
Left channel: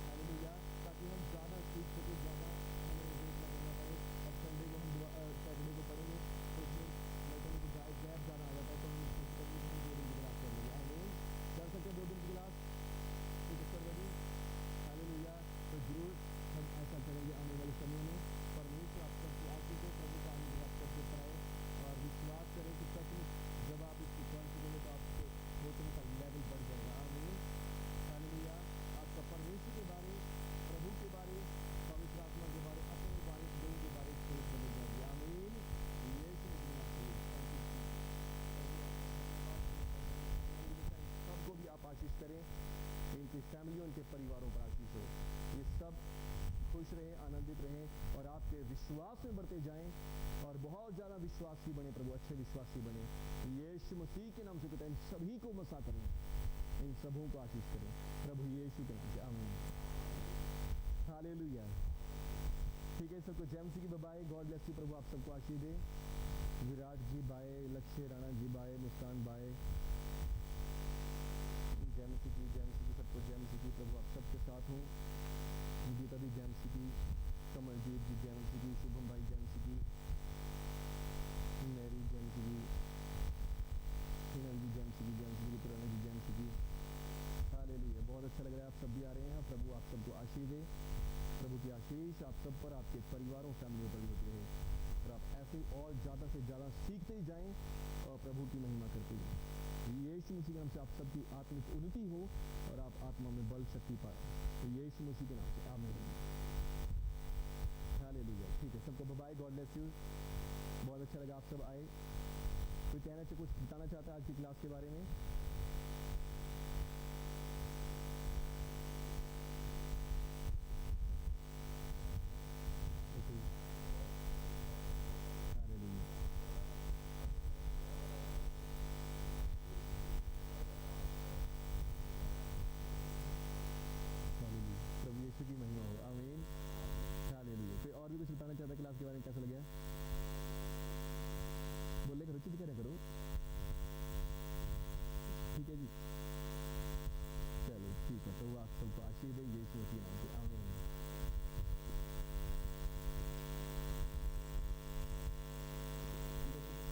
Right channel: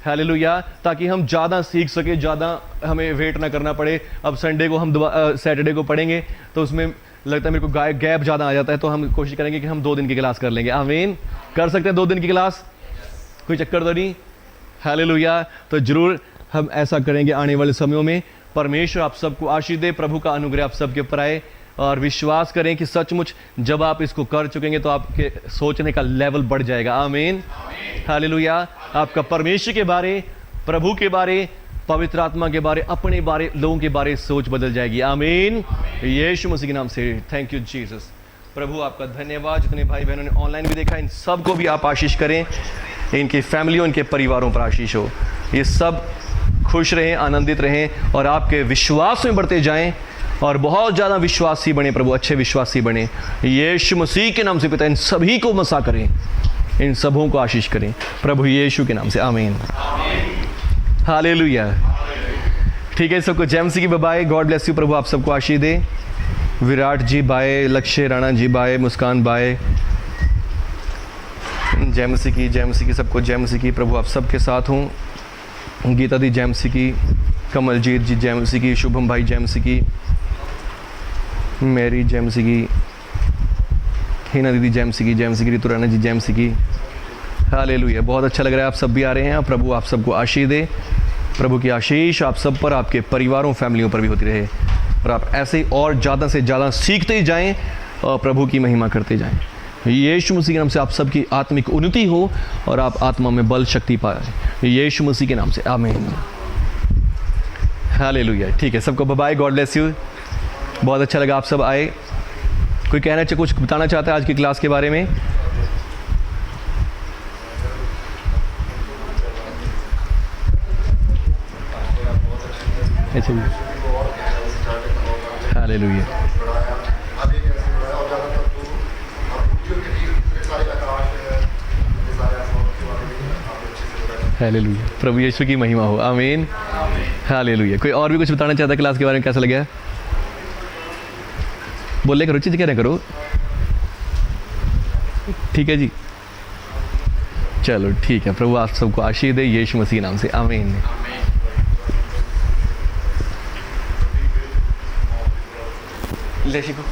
हालेलुया। ताकि हम ज़्यादा सीख सके, ज़्यादा हमें वेट ना करना पड़े। अब संडे को हम सैटरडे को पढ़ेंगे, तो उसमें लगता है मेरे को गैप ज़्यादा आ जाता है, तो हम कोशिश करेंगे कि हम 2 दिन की क्लास कर लेंगे। आमीन। कर सकते हैं 2 दिन की क्लास। कोई चक्कर तो नहीं? हालेलुया। तो जरूर हम ऐसा करेंगे आने वाले समयों में। परमेश्वर आप सबको आशीष दे, प्रभु का अनुग्रह आप सबके ऊपर आए, और विश्वास करें कि सचमुच जब आप इसको कर चुकेंगे तो आपके सोचने का लेवल बढ़ जाएगा। आमीन, हालेलुया। आपका परमेश्वर के बारे, प्रभु के बारे, पवित्र आत्मा के बारे, अपने बारे, लोगों के बारे सोच बदल जाएगी। आमीन, यीशु मसीह के नाम से। Thank you Jesus. प्रभु आपका धन्यवाद। जितने भाई बहनों ने ऑनलाइन भी देखा, इन सबको भी आप आशीष करें, इनकी फैमिलियों, इनके परिवारों पर आशीष हो। ये सब खुश रहें, आनंदित रहें, और आपके विश्वास में बढ़ते जाएं, और बहुत ज़्यादा विश्वासी बने प्रभु, अच्छे विश्वासी बने। यीशु मसीह के नाम से पिता इन सभी को मसा करें, इन सबों को आशीष करें प्रभु यीशु के नाम से। आमीन, हालेलुया। ठीक है, सबको जय मसीह की बाय। God bless you. प्रभु आप सबको आशीष दे। Virat ji bye, Lakshya Rana ji bye, Muskan bye. जय मसीह की, जय मसीह की, सबको जय मसीह की। प्रभु आप सबके साथ हूँ। गीता दी जय मसीह की, कमलजीत जी जय मसीह की, शुभम भाई जय मसीह की, मेरी जय मसीह की, हिना दीदी जय मसीह की, जय मसीह की, ऋतु राणा जी जय मसीह की। हालेलुया। बहुत अच्छा लग रहा है, आप सब भी आ रहे हैं। प्रभु आप सबको आशीष दे। प्रभु की आशीष आप सब पर, आपके परिवारों, फैमिलियों पर भी होती रहे, और आप ऐसे ही और ज़्यादा से ज़्यादा सीखते ही जाएं और प्रभु की महिमा करते जाएं। यीशु मसीह के नाम से आप सबकी आत्मिक उन्नति हो, और आप आत्मा में बल शक्ति पाए, यीशु मसीह के नाम से। आमीन, हालेलुया। ठीक है, सबको बाय, गॉड ब्लेस यू। बहुत अच्छा लगा आप सब आए। कोई कहना चाहे, कुछ बताना चाहता है आज की क्लास के बारे में? अच्छा जी, हालेलुया। हालेलुया। प्रभु यीशु की महिमा हो। आमीन, हालेलुया। कोई और भी कुछ बताना चाहता है क्लास के बारे में? कैसा लगा? बोले करो, चीज़ कहना करो। ठीक है जी, चलो ठीक है। प्रभु आप सबको आशीष दे, यीशु मसीह नाम से। आमीन। ले शिको।